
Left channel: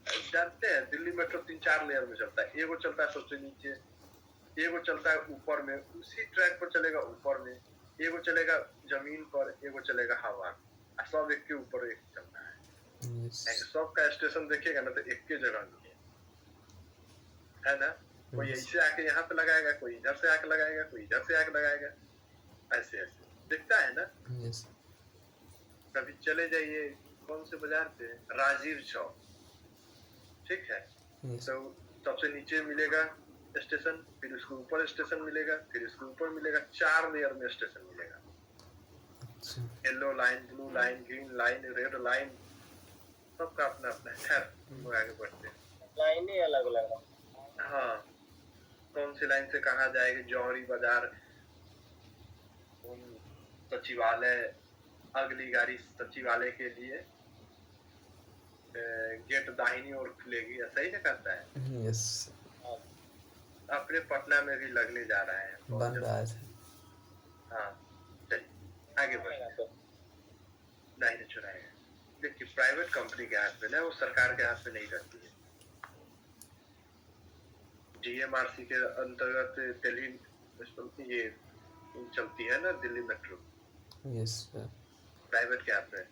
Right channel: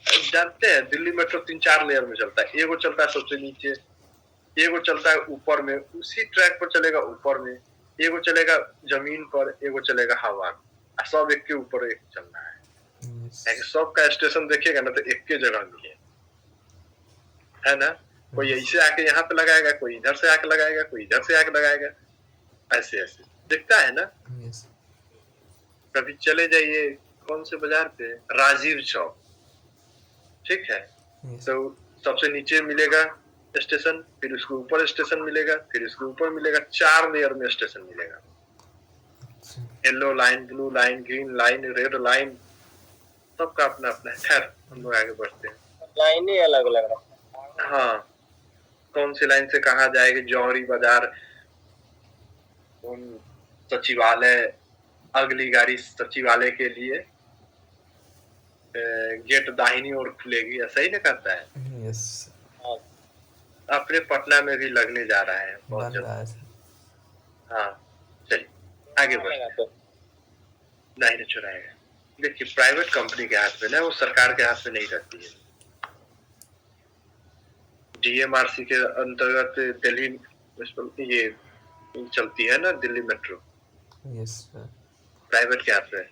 जानते हैं, दिल्ली मेट्रो 3-4 लेयर में चलता है। एगो चलता है सबसे नीचे, एगो चलता है ऊपर में, उसी ट्रैक पर चलेगा ऊपर में, एगो चलेगा जमीन पर, एगो चलेगा हवा में, सब एक के ऊपर एक चल रहा है। सब का स्टेशन देखिएगा ना तो एक के जगह में है ना, कोई ऐसे आके यहाँ पे लगाएगा, कोई इधर से आके लगाएगा, कोई इधर से आके लगाएगा, ऐसे ऐसे दिखता है ना। यस। कभी चले जाइए कौन से बाजार पे, राजीव चौक, ठीक है। तो सबसे नीचे मिलेगा स्टेशन, फिर उसके ऊपर स्टेशन मिलेगा, फिर उसके ऊपर मिलेगा, 4 लेयर में स्टेशन मिलेगा। Yellow line, blue line, green line, red line, सबका अपना अपना है। खैर हम लोग आगे बढ़ते हैं, लाइन ही अलग अलग रहा। हाँ कौन सी लाइन से कहाँ जाएगी, जौहरी बाजार, सचिवालय, अगली गाड़ी सचिवालय के लिए, गेट दाहिनी ओर खुलेगी, ऐसा ही ना करता है। यस। अपने पटना में भी लगने जा रहा है, बन रहा है। हाँ चलिए आगे बढ़ते हैं। नहीं ना चुराएगा। देखिए प्राइवेट कंपनी के हाथ में ना, वो सरकार के हाथ में नहीं रहती है। डीएमआरसी के अंतर्गत दिल्ली ये चलती है ना, Delhi metro. Yes sir. Private के हाथ में,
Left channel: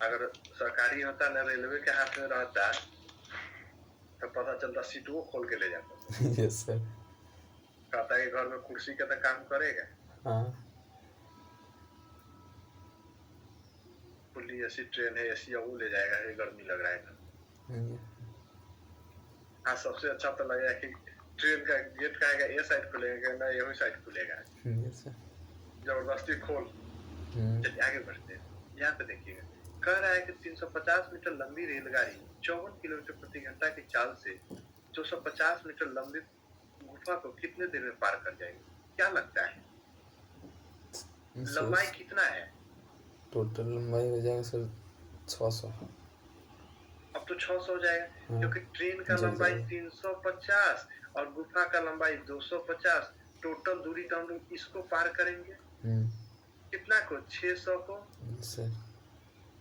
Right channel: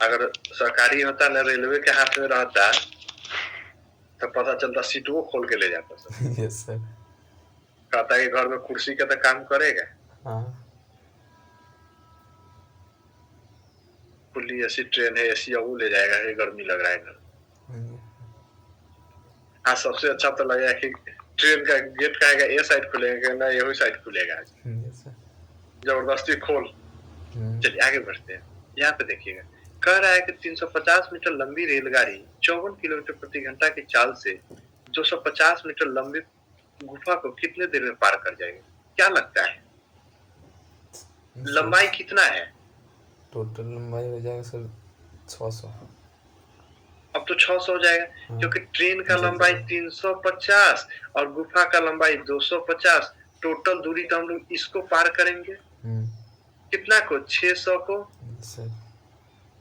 अगर सरकारी होता ना, रेलवे के हाथ में रहता तो पता चलता सीट वो खोल के ले जाता सर। Yes sir. कहता है घर में कुर्सी का तो काम करेगा। हाँ। खुली ऐसी ट्रेन है, एसी वो ले जाएगा, ये गर्मी लग रहा है घर। हाँ सबसे अच्छा तो लगेगा कि ट्रेन का गेट का ए साइड खुलेगा ना, यही साइड खुलेगा। Yes sir. जबरदस्ती खोल। चलिए आगे बढ़ते हैं। यहाँ पे देखिएगा, कह रहा है कि 350 मीटर लंबी रेलगाड़ी 54 किलोमीटर प्रति घंटा की चाल से 250 मीटर लंबी गुफा को कितने देर में पार कर जाएगी? क्या लगता है लंबाई कितना है? टोटल लंबाई हो जाएगा सर 600। अब तो 600 हो जाएगा, क्योंकि ट्रेन का लंबाई 350 और गुफा का लंबाई 250। टोटल दूरी तो हम लोग इसको पार करेंगे कितना को? 600 को। सर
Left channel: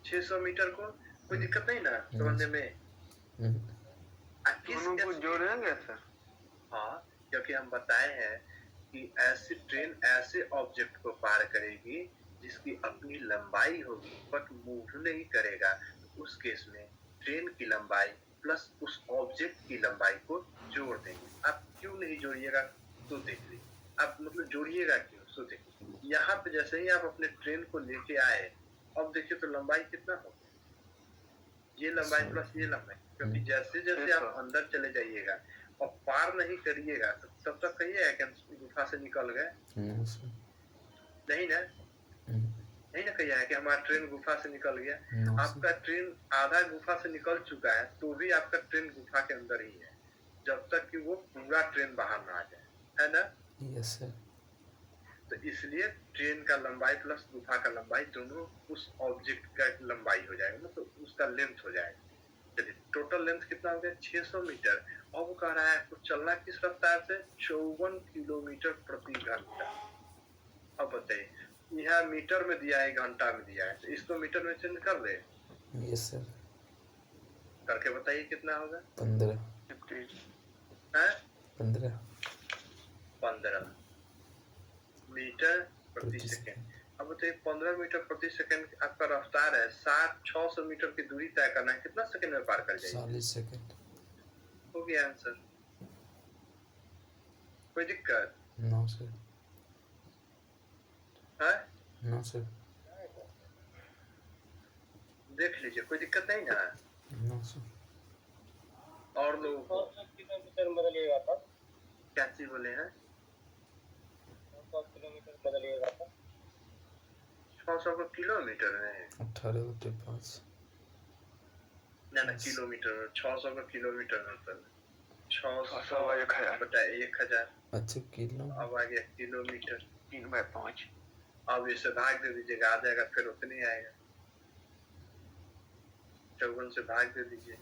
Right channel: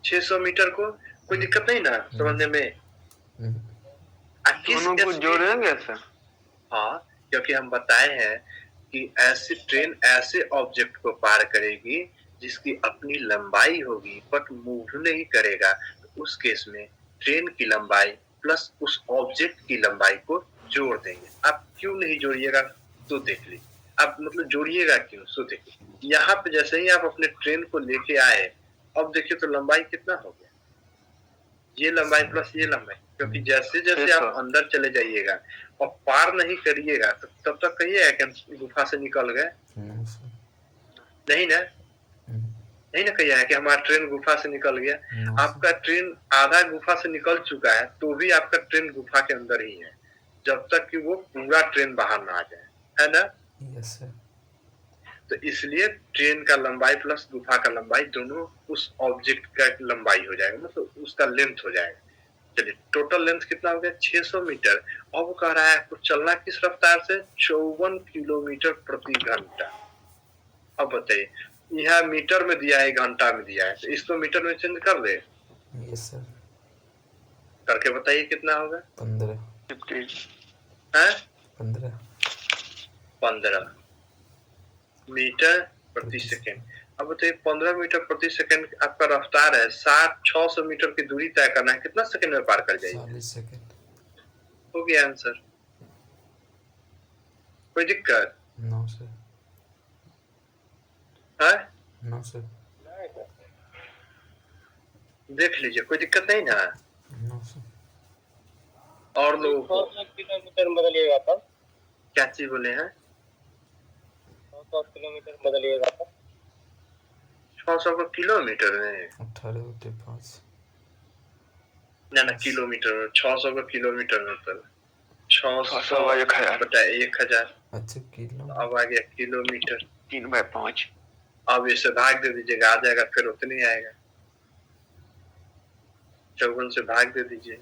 600 मीटर को कोई दिक्कत नहीं ना समझने में? दोनों को जोड़ेंगे सर? हाँ, क्योंकि हम बताए हैं कि ऐसी ट्रेन ऐसे ऑब्जेक्ट को पार करेगी जिसकी अपनी लंबाई होगी बट मूव नहीं करेगा। तो उस केस में ट्रेन की लंबाई प्लस उस ऑब्जेक्ट की लंबाई को जोड़ देंगे। आप क्यों नहीं जोड़िएगा तो देख लीजिए। आप मतलब जोड़िएगा क्यों सो देखिए। यहाँ पे जैसे ही आप अपने ट्रेन को लेके आए, अब देखिए तो लंबाई कितना हो गया? ये लंबाई प्लस ये लंबाई, क्योंकि जैसे जैसे आप अंदर चले जाइएगा और पार नहीं करिएगा तो तब तक कहिएगा कि हम गुफा से निकल गए। नहीं ना, नहीं ना कहिएगा कि हमारा ट्रेन गुफा से निकल गया। आपका ट्रेन आधा गुफा से निकल चुका है तो भी आपका ट्रेन गुफा के अंदर ही है, जब तक कि वो पूरा ट्रेन बाहर ना आ जाए, है ना? Yes sir. तो इसलिए ट्रेन का लंबाई प्लस गुफा का लंबाई दोनों उस ऑब्जेक्ट का लंबाई हो जाएगा, मतलब उसका लेंथ हो जाएगा। चलिए टोटल लेंथ कितना हो गया? 600 मीटर। अब वो कह रहा है आपको चलना किस रफ्तार से? 54 किलोमीटर प्रति घंटा। अब बताइए, यहाँ मीटर में दिया है, घंटा में दिया है, तो इसको मीटर में चेंज कर दे। Yes sir. करके बताइए कितना होगा? 15 मीटर प्रति सेकेंड। अब बताइए 15 मीटर प्रति सेकंड आपका रफ्तार है, 600 मीटर की दूरी तय करना है, कितना सेकंड में पार कर जाएगी? 40 सेकंड। हो गया आंसर। कोई दिक्कत? No sir. है? No sir. देख लीजिए, कोई दिक्कत नहीं ना? No sir. और लोग किलोमीटर बदलिएगा तब? क्या चीज बोले हैं? 100 किलोमीटर बदलिएगा तब? 600 को किलोमीटर में? 18/5। ना किलोमीटर में। 600 को किलोमीटर में तो 600 बटा 1000। अच्छा किलो। अब आ गया किलोमीटर। 3/5। अब इसे भाग दे दीजिएगा, आ जाएगा, फिर उतने ही आएगा। 54 से भाग दे दीजिए।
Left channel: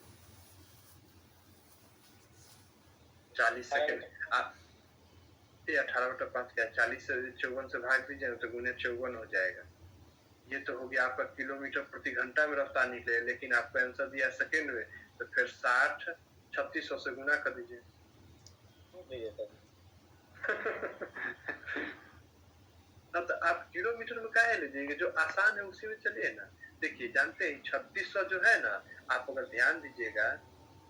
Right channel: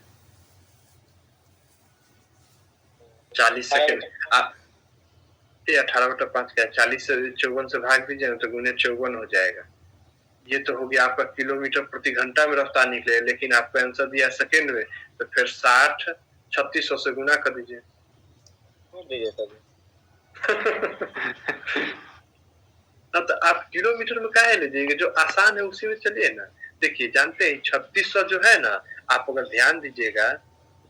40 सेकंड। आप 18/5 क्या? 40 से 54 से भाग दीजिए तो गुने 54 हो जाएगा। ये तो हो गया आपका किलोमीटर प्रति घंटा में रफ्तार निकले, लेकिन आपका आंसर दिया सेकंड में, तो फिर 60 3600 से गुना कर दीजिए। तो आप किलोमीटर में काहे लीजिएगा? जो आसान है उसी में चलिए ना। देखिए जानते हैं 3600 जो है ना, आप अगर ध्यान दीजिएगा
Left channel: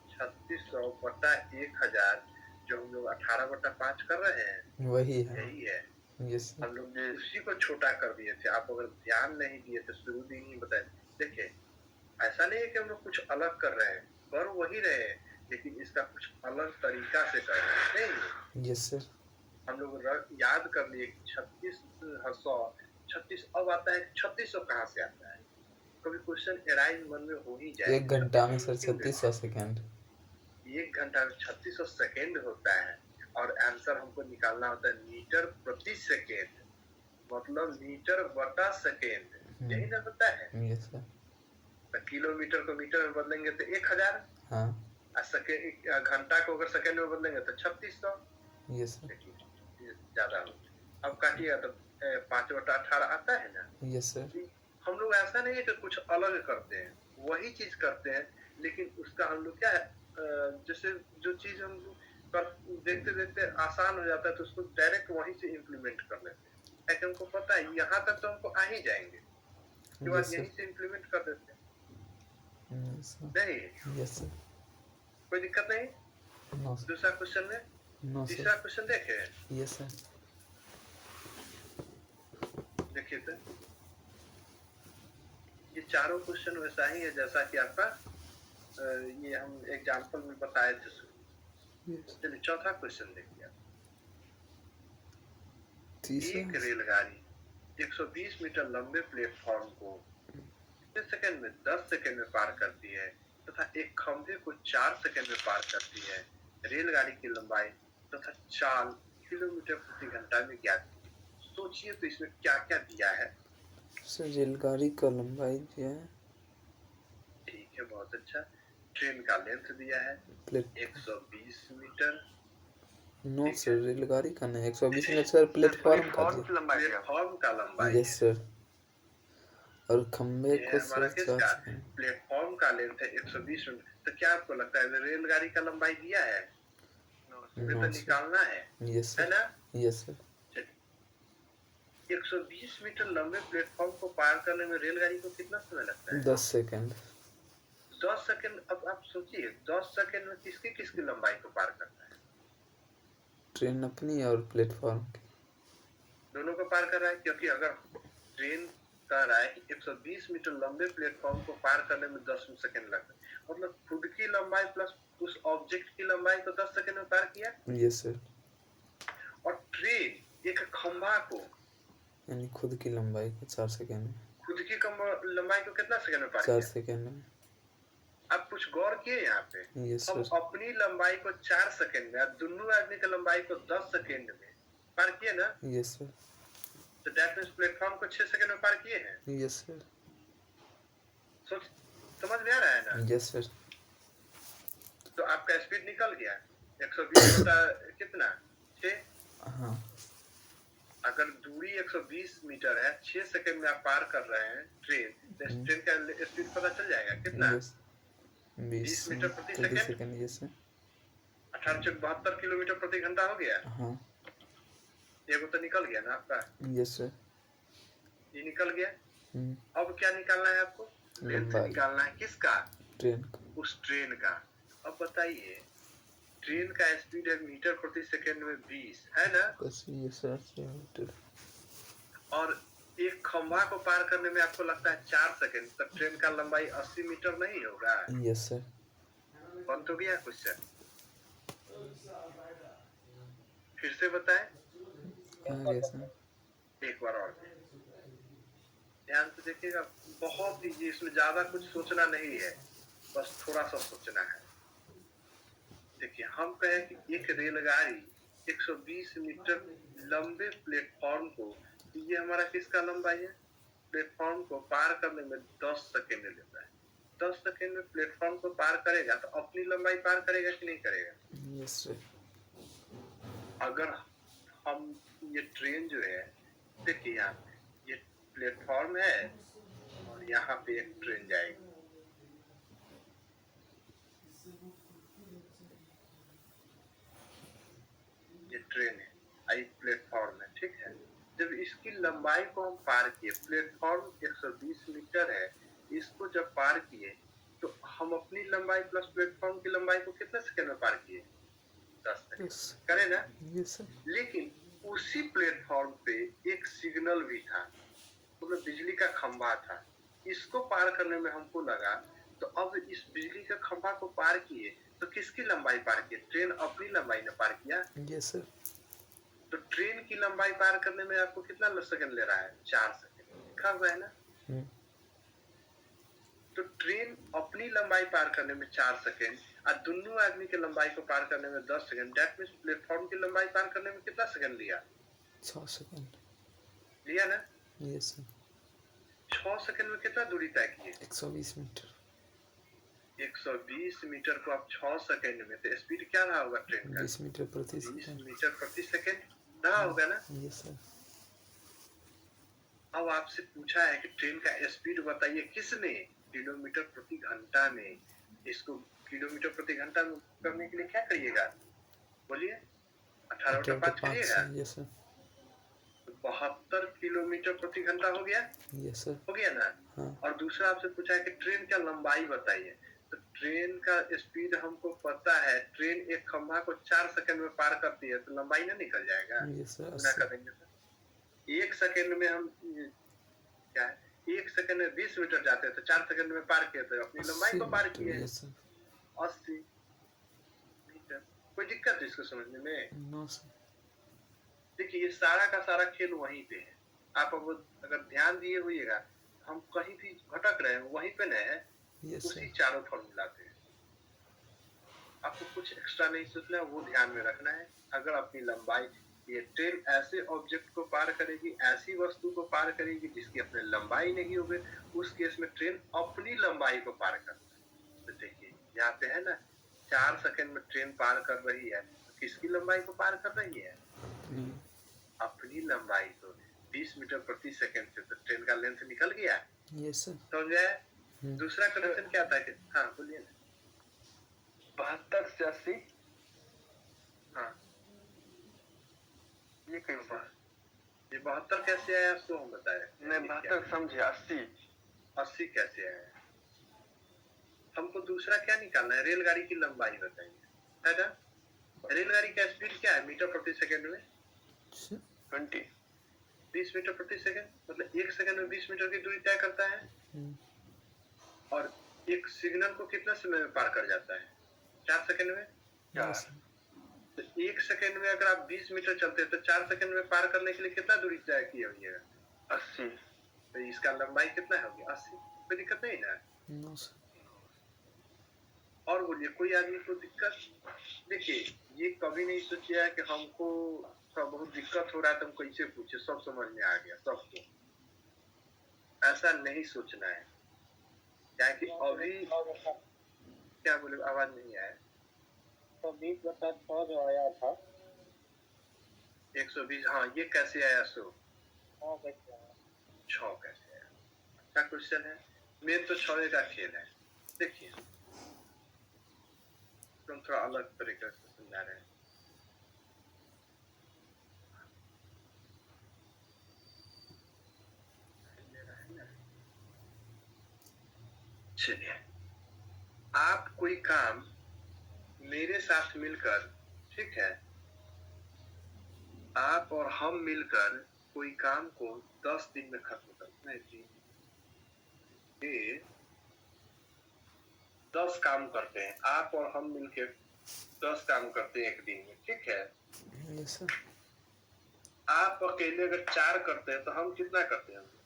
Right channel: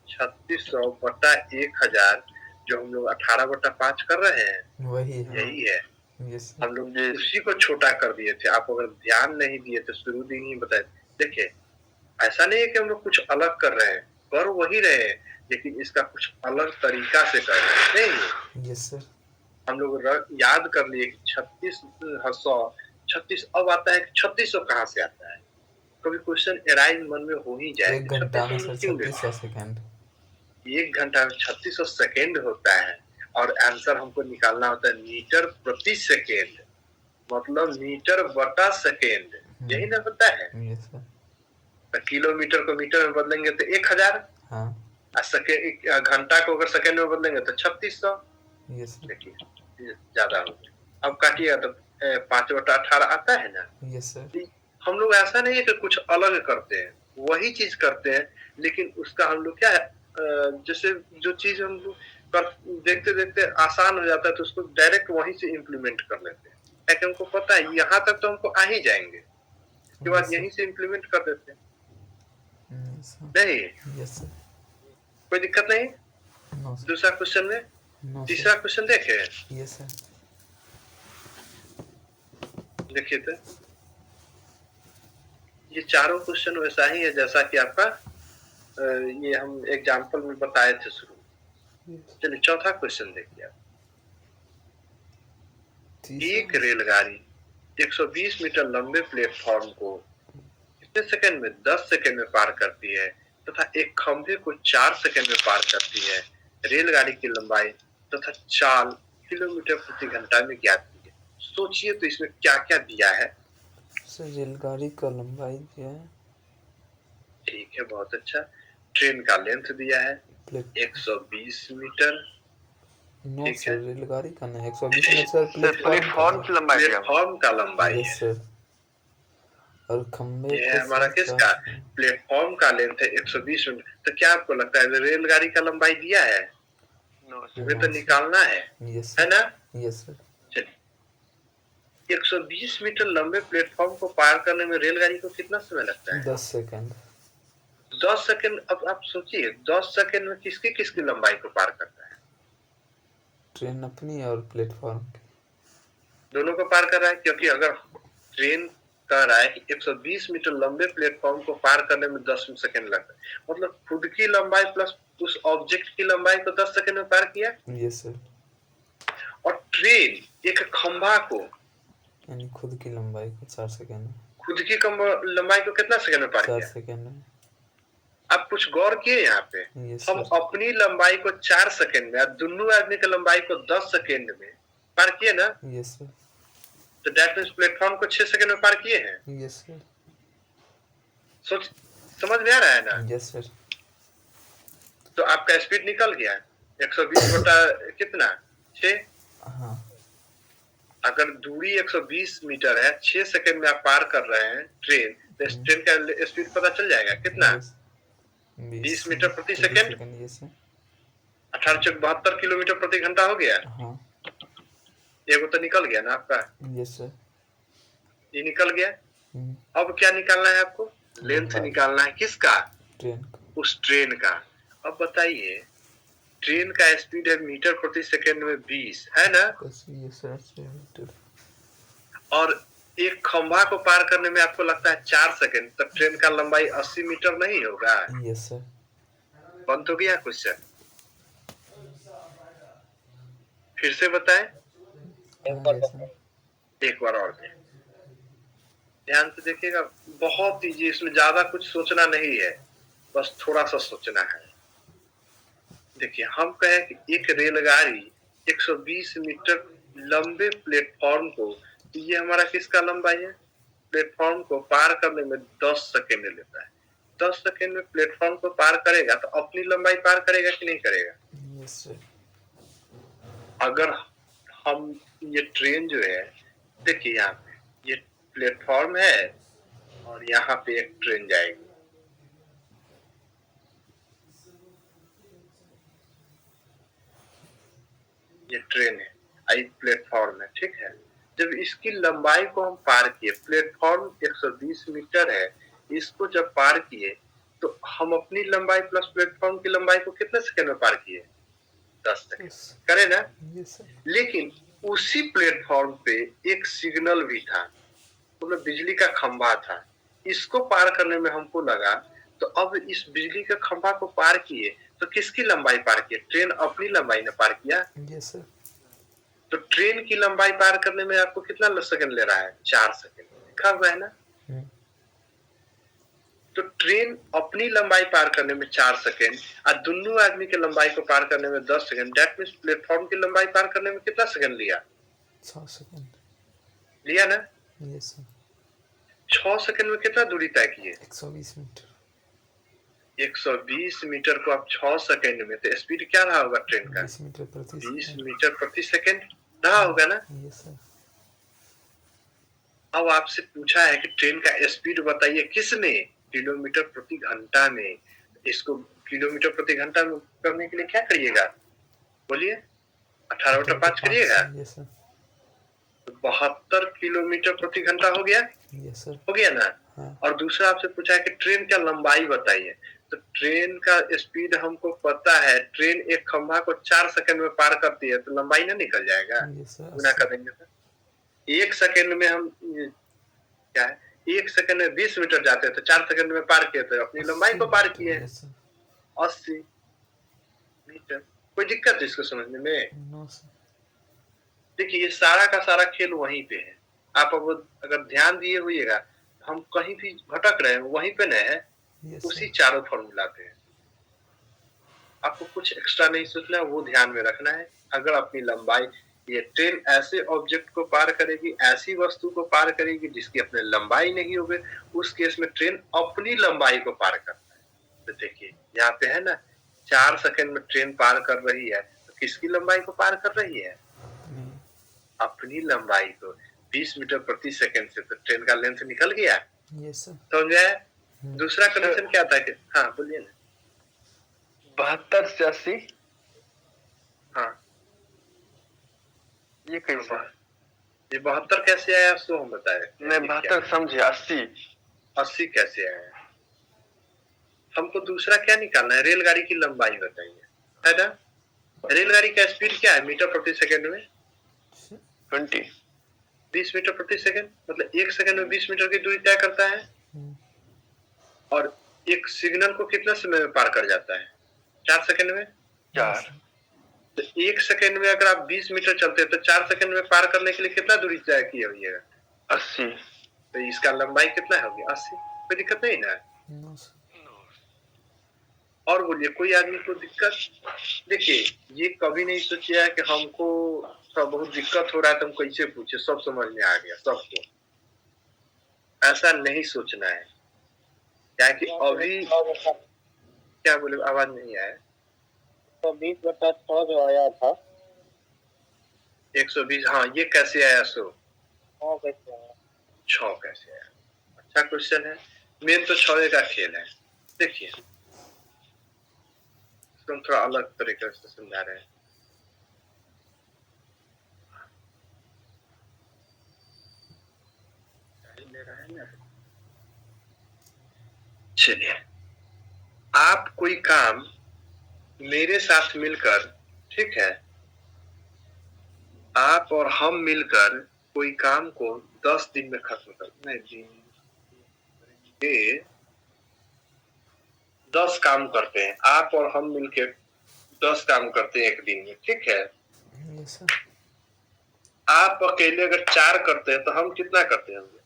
3600 बटा 1000 जो हम लोग 18/5 कर रहे हैं, वही है, यही है। यस हम लोग उसी को छोटा कर दिए थे। आप अगर ध्यान नहीं दिए तो शुरू दिन ही बताए। देखिए ऐसा नहीं है कि हम लोग कुछ अलग कर रहे हैं, कर वही रहे हैं, लेकिन इसका कुछ अलग तरीका से कर रहे हैं। नहीं यस सर। हम लोग याद कर लिए 36 अब आता है 3600 कहाँ से आता है? कभी क्वेश्चन एराइज मन में हो ही जाए। 1 घंटा में सर 3600 सेकंड। 1 घंटा में 3600 सेकंड होता है और आंसर हमको निकालना होता है मीटर प्रति सेकेंड, मतलब मीटर बटा सेकेंड। यही ना होता है? Yes sir. तो किलोमीटर को मीटर में बदलेंगे तो 1000। हाँ। घंटा को अगर सेकेंड में बदलेंगे तो 3600। Yes sir. देखिए ज्यादा हो। अब काटिएगा तो 5/18 आता है ना? Yes sir. हम लोग ऐसा नहीं है कि कुछ अलग करते हैं, वही चीज करते हैं, लेकिन उसका हम लोग क्या है, जैसे जो चीज हम लोग देखते देखते आसान हो जाता है तो उसको डायरेक्ट वहीं से इम्प्लीमेंट कर लेते हैं। ताकि हमको पता है यहाँ तक तो हमको आ ही जाएंगे, उसके बाद यहीं से इम्प्लीमेंट कर देते हैं। नहीं? Yes sir. कोई दिक्कत नहीं? No sir. दूसरा क्वेश्चन में नो तीसरा क्वेश्चन देखे? Yes sir. देखिए तो ये चारों क्वेश्चन वैसा ही है जैसा कि आपका ये हम एग्जाम्पल में बताए थे शुरू। चलिए चौथा क्वेश्चन देखिए आप। एक रेलगाड़ी 120 मीटर लंबे प्लेटफॉर्म को कितने सेकंड में? 10 सेकंड में पार करती है तथा एक खंभे को 4 सेकंड में पार करती है। रेलगाड़ी की लंबाई तथा चाल किलोमीटर प्रति घंटा में ज्ञात कीजिए। सोचिए तो इसमें क्या क्या दिया है। सर रेलगाड़ी का लंबाई दिया है, ठीक है, बहुत अच्छा। ट्रेन का लेंथ दिया है प्लेट 120 मीटर। नो ठीक सर, है, रेलगाड़ी का नहीं, 120 में सर प्लेटफॉर्म का प्लेटफॉर्म की लंबाई दिया हुआ। प्लेटफॉर्म का लंबाई यस है। सर। और खंबे ये को है हमारा सर किसका? 4 प्लेटफॉर्म का लेंथ है 120 मीटर। तो क्या आपको लगता है रेलगाड़ी का लंबाई दिया है? नो हमें नो तो सर। निकालना है यस है सर, ना? Yes sir. चलिए, 120 मीटर लंबे प्लेटफॉर्म को पार करने में रेलगाड़ी को कितना समय लगता है? 10 सेकंड। 10 सेकंड। अब आप सोचिए 10 सेकंड में किसकी किसकी लंबाई को पार करता है? ट्रेन अपनी और प्लेटफॉर्म की। दोनों को पार कर रहा है, क्योंकि अगर ट्रेन कह रहा है कि 120 मीटर लंबे प्लेटफॉर्म को पार करने में 10 सेकंड लगता है, मतलब खुद की लंबाई प्लस उस ऑब्जेक्ट की लंबाई को 10 सेकंड में पार किया। Yes sir. और ट्रेन एक खंभा को, यानी खुद की लंबाई को 4 सेकंड में, खुद की लंबाई को कितना सेकंड में पार 4 किया? सेकंड में। आप कुछ गौर किए यहाँ पे? यस हम सर। अपनी लंबाई को 4 सेकंड में और दोनों आदमी की लंबाई को 10 सेकंड में पार किए ना? Yes sir. तो दैट मींस प्लेटफॉर्म को 6 सेकंड में पार किए हैं। Yes sir. सोच, समझ में आ रहा है ना? Yes sir. तो आपका स्पीड निकल गया 120 बटा कितना? 6। हाँ। अगर दूरी 120 मीटर है, 6 सेकंड में आप पार कर रहे हैं ट्रेन, तो इस ट्रेन का स्पीड पता चल जाएगा कितना? 20 मीटर प्रति सेकंड। Yes sir. 1872 किलोमीटर प्रति घंटा हो गया। हाँ। एगो तो निकल गया ना आपका? Yes sir. ये निकल गया। अब क्या निकालना है आपको? लेंथ निकालना है। किसका? ट्रेन का। उस ट्रेन का। अब बताइए, ट्रेन का स्पीड है मीटर प्रति सेकंड में 20, है ना? Yes sir, 6 metre. और एक खंभा को पार करने में आपको लगता है 4 सेकंड, तो ट्रेन का लंबाई 80 मीटर नहीं होगा? Yes sir. बंद हो गया क्वेश्चन? फिर से बताएं एक बार और। ध्यान से देखिएगा, बहुत इजी, इसमें ज्यादा कुछ सोचना नहीं है, बस थोड़ा सा सोचना है। देखिए, हम कहें कि एक रेलगाड़ी 120 मीटर लंबे प्लेटफॉर्म को, तो ये हमारा किसका लंबाई है? प्लेटफॉर्म को पार करने में 10 सेकंड लेता है। 10 सेकंड में प्लेटफॉर्म को पार करेगा तो अपनी लंबाई पार करेगा कि नहीं करेगा? Yes sir. अगर हम ये ट्रेन जो है, देखिए यहाँ पे ये प्लेटफॉर्म है और यहाँ पे एक ट्रेन जाएगी। ये ट्रेन है, आई प्लेटफॉर्म है, ठीक है। जब इसकी लंबाई को हम पार किए, प्लेटफॉर्म 120 मीटर है, इसको जब पार किए तो हम अपनी लंबाई प्लस प्लेटफॉर्म की लंबाई को कितने सेकंड में पार किए? 10 सेकंड। करे ना? Yes sir. लेकिन उसी प्लेटफॉर्म पे एक सिग्नल भी था, मतलब बिजली का खंभा था। इसको पार करने में हमको लगा, तो अब इस बिजली के खंभा को पार किए तो किसकी लंबाई पार किए? ट्रेन अपनी लंबाई ने पार किया। Yes sir. तो ट्रेन की लंबाई पार करने में आपको कितना सेकंड ले रहा है? 4 सेकंड। लिखा हुआ है ना? तो ट्रेन अपनी लंबाई पार करने में 4 सेकंड और दोनों आदमी के लंबाई को पार करने में 10 सेकंड। दैट मींस प्लेटफॉर्म की लंबाई पार करने में कितना सेकंड लिया? 6 सेकंड लिया ना? Yes sir. 6 सेकंड में कितना दूरी तय किए? 120 मीटर। 120 मीटर को आप 6 सेकंड में, तो स्पीड क्या रहा होगा ट्रेन का? 20 मीटर प्रति 20 मीटर प्रति सेकंड रहा होगा ना? Yes sir. अब आपसे पूछा है कि ट्रेन का स्पीड बताइए किसने? किलोमीटर प्रति घंटा में। इसको किलोमीटर प्रति घंटा में करने के लिए क्या करिएगा? बोलिए। 18/5 करिएगा। Yes sir. 72 किलोमीटर प्रति घंटा हो गया। Yes sir. हो गया ना? हाँ। और दूसरा आपसे पूछा है कि ट्रेन का लंबाई बताइए। तो ट्रेन का स्पीड हमको पता है, ट्रेन एक खंभा को 4 सेकंड में पार करती है, तो लंबाई ना निकल जाएगा? Yes sir. गुना कर देंगे तो 1 सेकंड में हम क्या है, 1 सेकंड में 20 मीटर जाते हैं, तो 4 सेकंड में पार किए, तो अपनी लंबाई को पार किए। 80 मीटर। कोई दिक्कत है इसको समझने में? No sir. देखिए, ये सारा का सारा खेल वहीं पे है। आप अब अगर ध्यान दिए हुईएगा, हम कहीं भी भटक रहे हैं वहीं पे नहीं है, यस उसी सर। चारों फॉर्मूला पे है। आपको कुछ एक्स्ट्रा नहीं सोचना है, वो ध्यान में रखना है। अगर अपनी लंबाई, ये ट्रेन ऐसे ऑब्जेक्ट को पार करेगी, ऐसी वस्तु को पार करेगी जिसकी अपनी लंबाई नहीं होगी, उस केस में ट्रेन अपनी लंबाई को पार करता है। तो देखिए यहाँ पे है ना, 4 सेकंड में ट्रेन पार कर रही है, तो किसकी लंबाई को पार कर रही है? अपनी लंबाई को। 20 मीटर प्रति सेकंड से तो ट्रेन का लेंथ निकल गया। Yes sir. समझ गए? दूसरा कंडीशन क्या था कि, हाँ बोलिए ना। 72 से 80 हाँ, ये कैसे? ये 72 कैसे आया सो हम बताए। नहीं 72 समझे, 80 80 कैसे आया? हमको दूसरा क्या निकालना है? रेलगाड़ी की लंबाई बताइए, है ना? रेलगाड़ी का स्पीड क्या है मीटर प्रति सेकंड में? 20 20 मीटर प्रति सेकंड, मतलब 1 सेकंड में 20 मीटर की दूरी तय करता है। और एक सिग्नल को कितना समय में पार कर जाता है? 4 सेकंड में। 4 तो 1 सेकंड में अगर आप 20 मीटर चलते हैं तो 4 सेकंड में पार करने के लिए कितना दूरी तय की हुई है? 80। तो इसका लंबाई कितना होगी? 80। कोई दिक्कत नहीं ना? No sir. और बोलिए, कोई आदमी को दिक्कत? देखिए, ये कभी नहीं सोचिए कि हमको बहुत दिक्कत हो रहा है तो हम कैसे पूछे, सब समझ में आ गया सबको। ऐसा नहीं सोचना है, क्या कि अभी क्या बोले, आवाज नहीं आया। तो 20/6 जो आया था 120, हाँ ये कैसे आया? सो 6 कैसे आया? अच्छा क्वेश्चन है। मेन तो 6 का खेल है। देखिए हम थोड़ा अलग तरीके से समझा रहे हैं। चलिए, आप कोई काम मेरे साथ मिलकर, ठीक है, आप और हम मिलकर कोई काम को 10 दिन में खत्म कर, नहीं 10 काम करते हैं, आप और हम मिलकर 10 काम करते हैं एक दिन में, ठीक है। Yes sir. आप अकेले अगर 4 करते हैं तो हम कितना करते होंगे?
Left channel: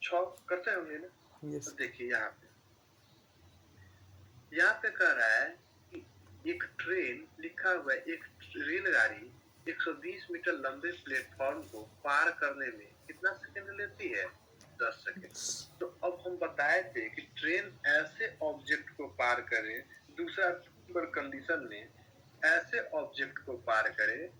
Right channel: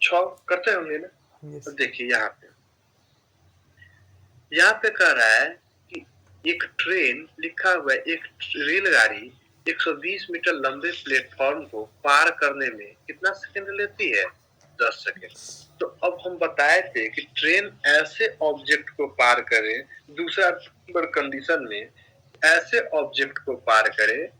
6 करते होंगे ना। यस। तो देखिए यहाँ पे कह रहा है कि एक ट्रेन लिखा हुआ है, एक रेलगाड़ी 120 मीटर लंबे प्लेटफॉर्म को पार करने में कितना सेकंड लेती है? 10 सेकंड। तो अब हम बताए थे कि ट्रेन ऐसे ऑब्जेक्ट को पार करे, दूसरा नंबर कंडीशन में ऐसे ऑब्जेक्ट को पार करे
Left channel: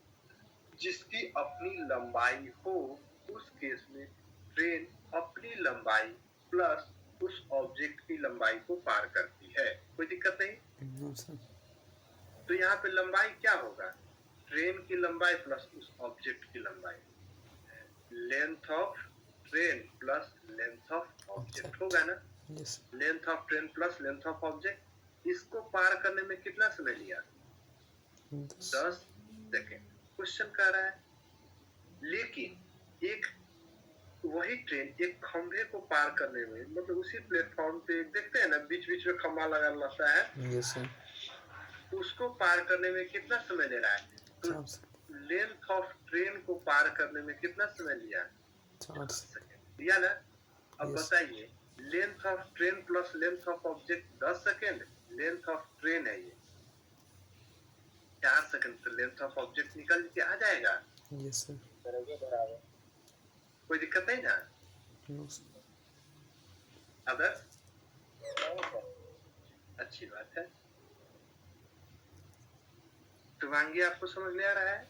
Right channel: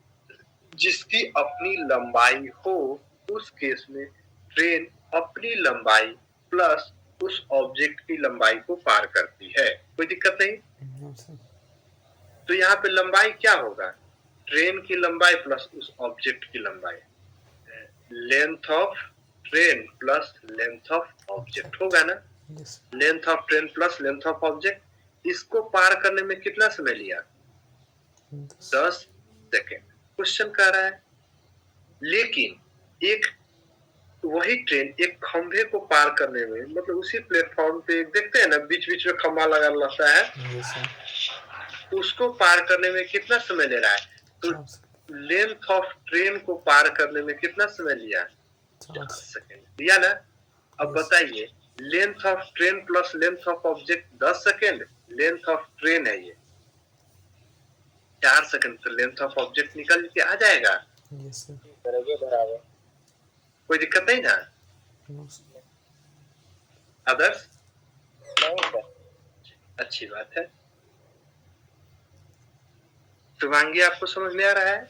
जिसकी अपनी लंबाई हो, उस केस में ट्रेन अपनी लंबाई प्लस उस ऑब्जेक्ट की लंबाई को पार करती है। कोई दिक्कत नहीं? No sir. तो यहाँ पे लंबाई क्या होगा? ट्रेन की लंबाई प्लस उस ऑब्जेक्ट की लंबाई, length of train plus length of object होगा ना। Yes. Length of train plus length of object. इसको पार करने में कितना समय लिया? 10 सेकेंड। क्वेश्चन कह रहा है लेकिन एक वही ट्रेन एक खंभे को पार करने में, मतलब उसी प्लेटफॉर्म पे देखते हैं ना बीच बीच में खंभा लगा रहता है, यस सर। उसको पार करने में कितना समय ले रहा है? तो लेंथ ऑफ ट्रेन को पार करने में कितना समय लिया? 4 सेकेंड लिया ना। अब बताइए, length of train plus length of object 10 second, length of train है ये 4 सेकेंड, तो लेंथ ऑफ ऑब्जेक्ट निकल के आ जाएगा। Yes sir. बराबर। कोई दिक्कत नहीं ना? No sir. अदर्स? नहीं सर। अच्छी बात है। शुभांगी आपको समझ में आ रहा है?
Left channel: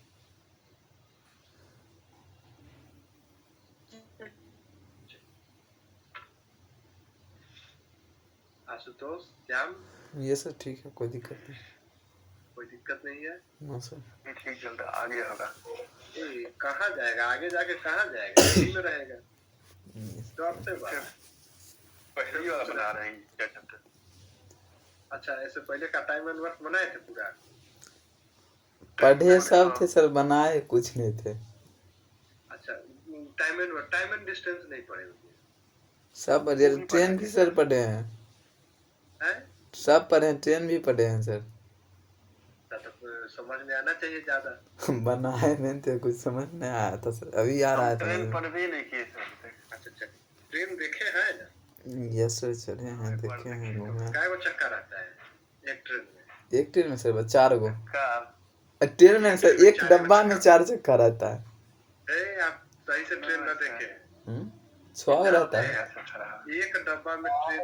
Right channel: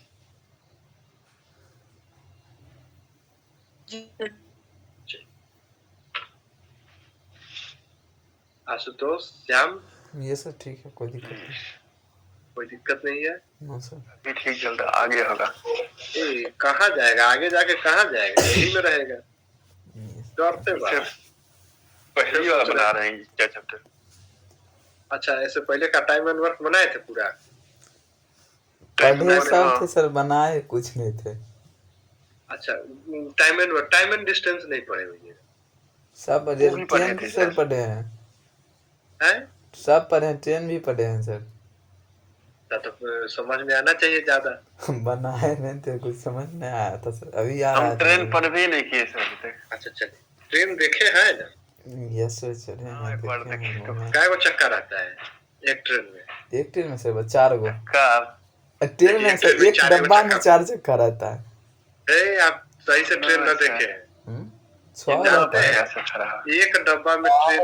आशुतोष, श्याम? यस सर ठीक है, कोई दिक्कत नहीं। कोई दिक्कत नहीं है? No sir. ठीक चल रहा, आगे होगा। कहाँ जाएगा आगे? जाके कहाँ जाएगा? यही में रहेगा। डरते बात पहली बार बना रहे हैं क्या चैप्टर? अच्छा, ऐसे पहले का टाइम एंड वर्क बनाए थे पूरा? पढ़े सब थे सर, बनाए कुछ नहीं थे। अच्छा, टाइम एंड डिस्टेंस नहीं पढ़े हुए? सब ट्रेन भी सर पढ़े हैं। हैं? सब पढ़े हैं, ट्रेन भी पढ़े हैं सर। तो समझ में आना चाहिए ज्यादा। बनाए नहीं थे, कुछ समझ नहीं आया था सर, अभी आ रहा हम है ट्रेन पर भी नहीं किए सर अभी तक। अच्छा चलिए, ट्रेन देखे हैं ना? यस सर, चले हाँ, हैं, एक बार देखे देखे हैं, तो। घूमे हैं। काय को चक्का रहता है एक ट्रेन में? एक ट्रेन में सर 4 गो। का ट्रेन में एक सर ट्रेन में एक 4 गो डब्बा में चक्का। 4 चक्का रहता है। आप सही से ट्रेन न अच्छा। देखे हैं। 6 रहता जानते है। हैं ऐसा खराब। एक डब्बा में ट्रेन,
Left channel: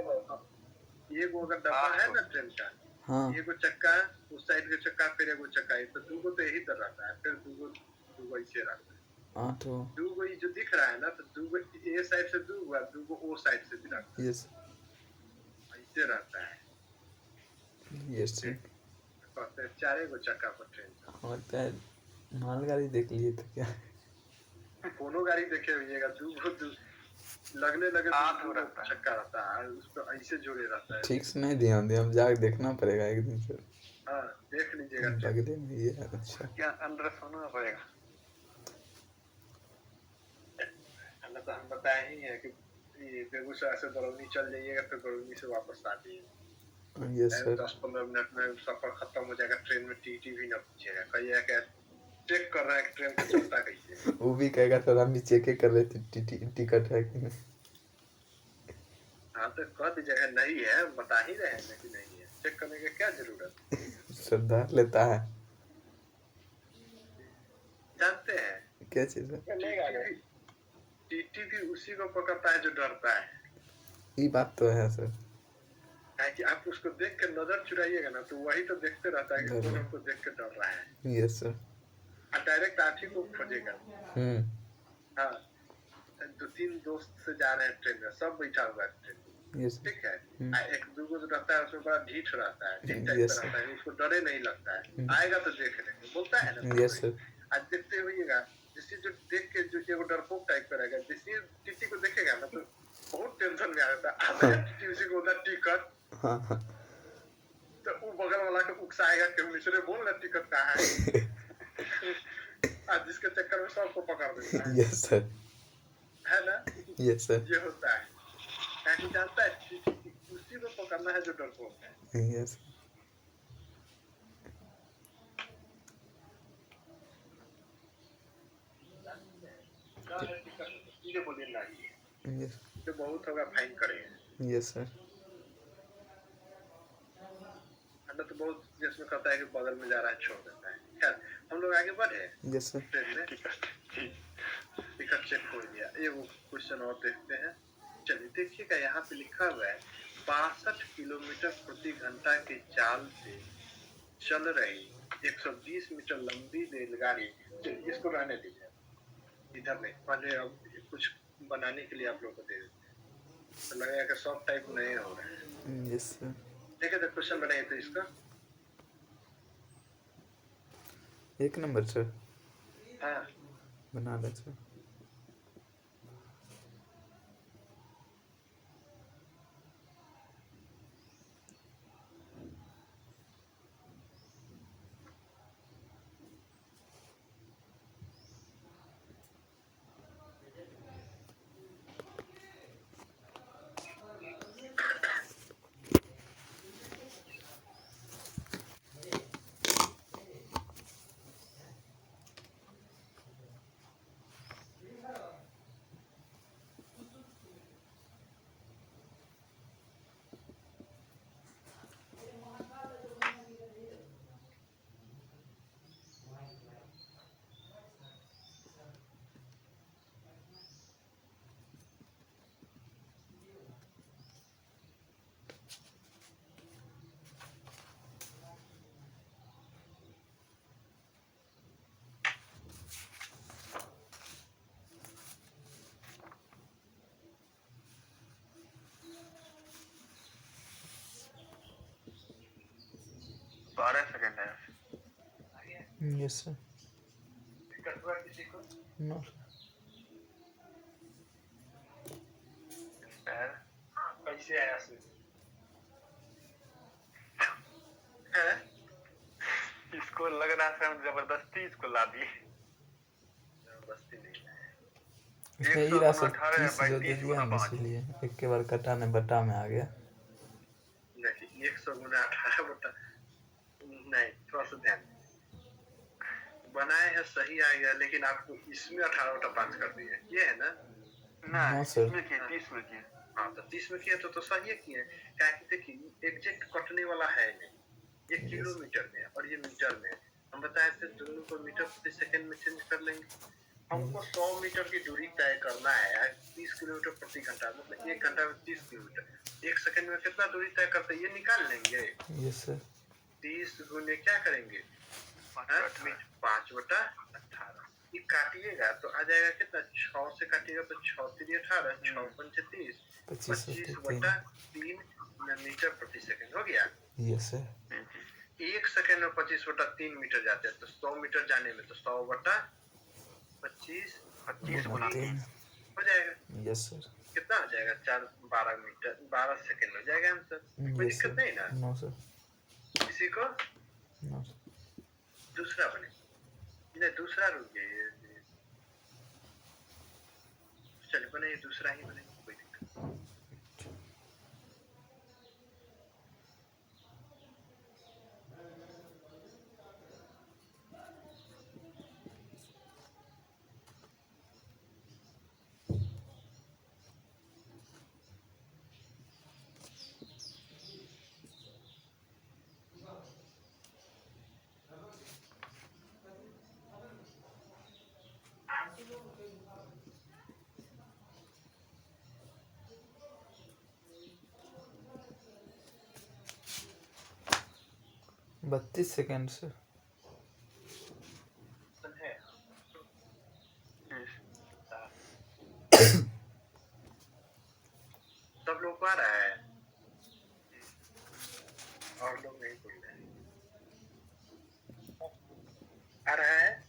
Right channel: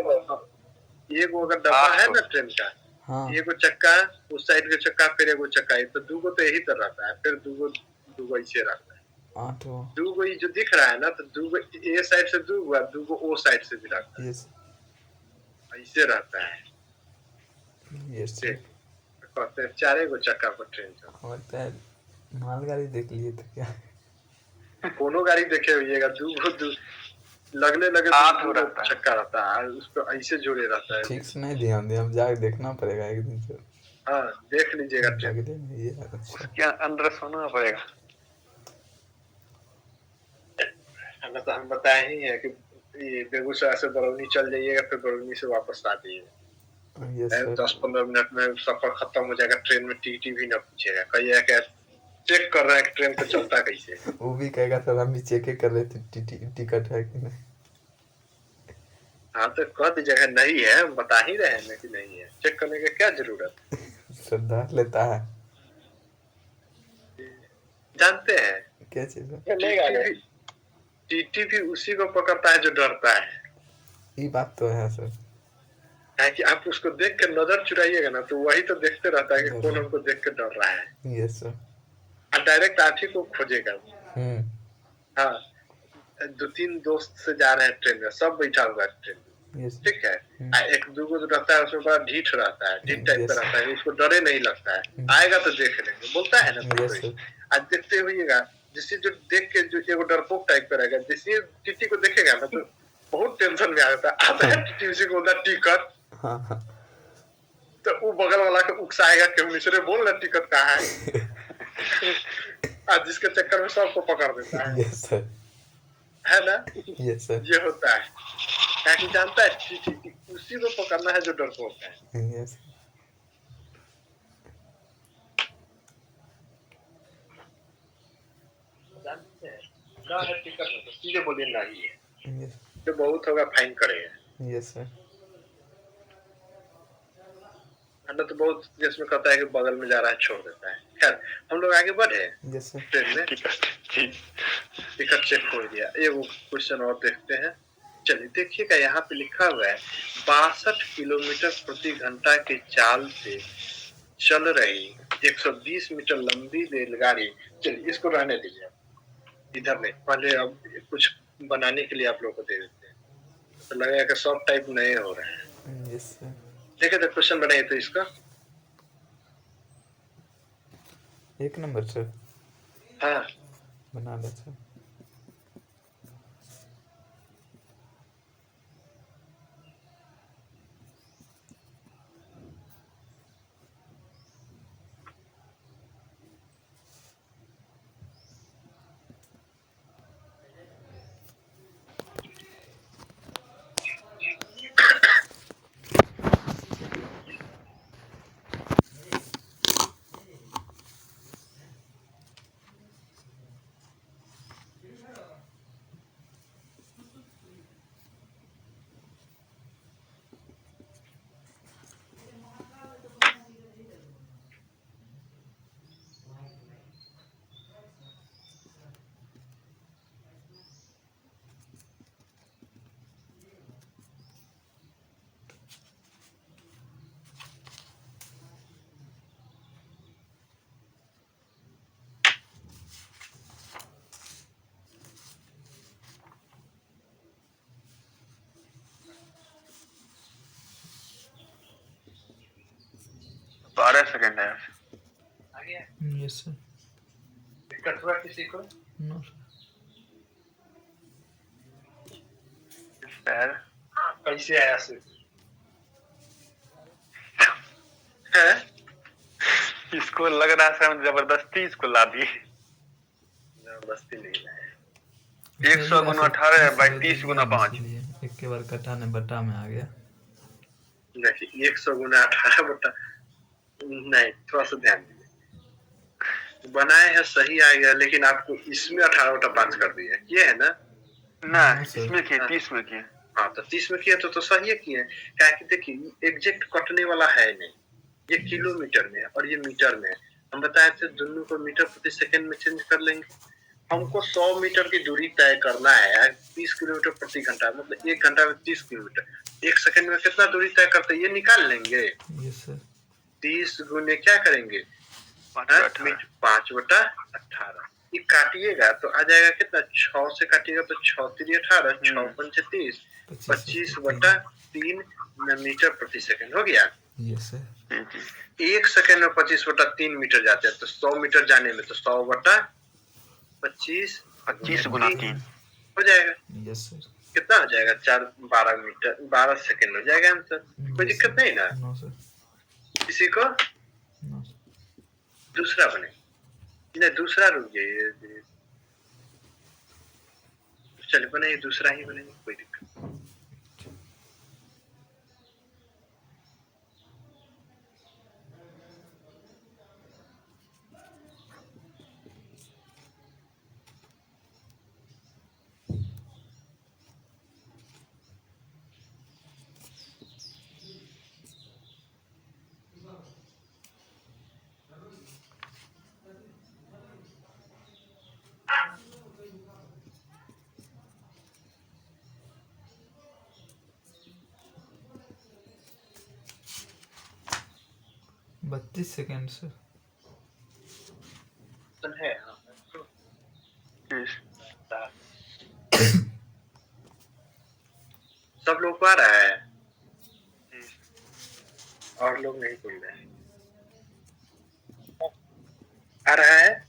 एगो अगर डब्बा 8 है गो। ना ट्रेन का, हाँ एगो चक्का उस साइड के चक्का, फिर एगो चक्का, ये तो दूगो तो यही तरह रहता है, फिर दूगो ऐसे रहता है। 8 गो। दूगो ये जो दिख रहा है ना, तो दूगो ए साइड से दूगो और दूगो ओ साइड से भी रहता है, यस ऐसे रहता है। Yes sir. कहते हैं 4 गो चक्का पर ट्रेन चलता लगता है मालगाड़ी देख लिए थे क्या? है। कोनो गाड़ी देखे होइएगा, लगने लगे 8 दूगो रहता है। चक्का रहता है, उस पर ऐसे जुड़े रहता है। ठीक से नहीं ध्यान दिया, अब जाके देखना पड़ेगा एक दिन सर। हाँ देख लीजिएगा ट्रेन। लगने में ये है। अच्छा क्या अंदर सोना पड़ेगा? हम बताए ही है कि ये बेगूसराय से बरौनी चल जाइएगा, फिर बरौनी से वापस आ जाइएगा। Yes sir. 10-15 मिनट में सफर खत्म हो जाएगा। ट्रेन में टीटी भी ना पूछेगा, कहिएगा कि चेक कर रहे हैं कि ट्रेन को चलता कैसे। वो भी कहेगा सर हम भी चेक कर रहे थे टिकट है कि नहीं। हाँ तो कह दीजिएगा नहीं है, हम बता ही रहे हैं कि नहीं है, चेक करने की क्या जरूरत। सर डर लेता है। जानते हैं क्या चीज है? टीटी भी उसी को पकड़ता है जो डरता है। ये बात तो है सर। है कि आप उसको देख के नजर चुराइएगा ना, तो वही तो देखते रहता है कि डर कौन रहा। हमको देख के डर रहा है, यस सर। और डायरेक्ट आप ही को खोजेगा। हाँ 2-3 दोस्त से जा रहे हैं ट्रेन में, सब बैठा हुआ है ट्रेन में, यस ठीक है। एक दूगो जो रहता है उसमें बड़ा ढीठ रहता है, ढीठ टाइप का रहता है, उसको डरे नहीं लगता है, आएगा तो देख लेंगे, बोलता है ना। Yes sir. आज देखते हुईगा, जिससे जो देख के जो एगो डरपोक टाइप का रहेगा, जिससे टीटी को देखेगा ना तो बहुत टेंशन में आ जाता है। आता है टीटी उसी को बोलता टिकट, हाँ हाँ तो वो बगल वाला को उकसाएगा कि मिश्रे बोल ना टिकट कहाँ है। आज जिसके चक्कर में सबको पकड़ देता है। Yes sir. है ना, यस सर। ये होता है। ताकि जानता है टीटी उसी को पकड़ना है जो डरपोक है। यस जानते हैं क्या है टिकट में, तो सीधे बोलिए नहीं है, यस तो बहुत होगा फाइन करेगा। Yes sir. अन्ना तो बहुत देश में कहता है कि बगल में जा रहा है छोड़ देता है। खैर हम लोग आगे बढ़े यस सर। ट्रेन में। टिकट चेक हो गया, एगो क्वेश्चन और देखते हैं। चलिए देखिएगा, यहाँ पे लिखा हुआ है 62 किलोमीटर प्रति घंटा के चाल से चल रही 120 मीटर लंबी रेलगाड़ी। चलिए इसको रहने दीजिए, इधर नहीं, पहले अब कुछ बनाने के लिए आप लोग को दे देते हैं, तो लगेगा कि सब टाइप नए हो रहे हैं। Yes sir. देखिए तो क्वेश्चन बनाइए तो इसका। 1 नंबर सर। हाँ बना ले सर। बारह सेकंड है। Yes sir. टिकट हुआ किसी को? नो सर कैसे आया से है? इसको लग रहा है हम जबरदस्ती इसको ला दिए। जबरदस्ती नहीं है। 100 गुना 18 बाई 30 गुना 5। एक के बार कटाने बटा में आ गया। देखिए 100 गुना 18 बटा नहीं, थोड़ा सा ध्यान दीजिए। बनाए हैं सही आ गया, लेकिन आपको इसमें 18/5 कर दिया, ये है ना? ना हाँ सर। इसमें किए 30 में किए। हाँ, तो 30 में किया तो सही है किए। क्या कि देखिए एग्जैक्ट कटने वाला है नहीं, ये किलोमीटर में है और ये मीटर में है। हम बताए थे दोनों को मीटर प्रति सेकंड में चेंज कर लेंगे। हमको 100 मीटर की दूरी तय करना है, 30 किलोमीटर प्रति घंटा, मतलब 1 घंटा में 30 किलोमीटर। 1 सेकंड में कितना दूरी तय करते हैं ये निकाल लेंगे। Yes sir. 30 गुने क्या करेंगे? 5/18। ये काटिएगा तो आ जाएगा कितना? 6 से काटिएगा तो 6 3 18, 6 5 30, 25/3 मीटर प्रति सेकंड हो गया। Yes sir. 1 सेकंड में 25/3 मीटर जाते हैं, तो 100 मीटर जाने में तो 100/25 25 गुना 3 हो जाएगा। Yes sir. कितना हो जाएगा? 12 मीटर, 12 सेकंड हो जाएगा आंसर। कोई दिक्कत नहीं ना? No sir. किसी को नो। दूसरा बने, नहीं दूसरा रुक जाइए, चलिए बने दूसरा ही बनेगा, कोई दिक्कत नहीं। बत्तीस सेकेंड सर। है सब लोग को आ रहा है और लोग नहीं बोल रहे हैं। आ रहा है,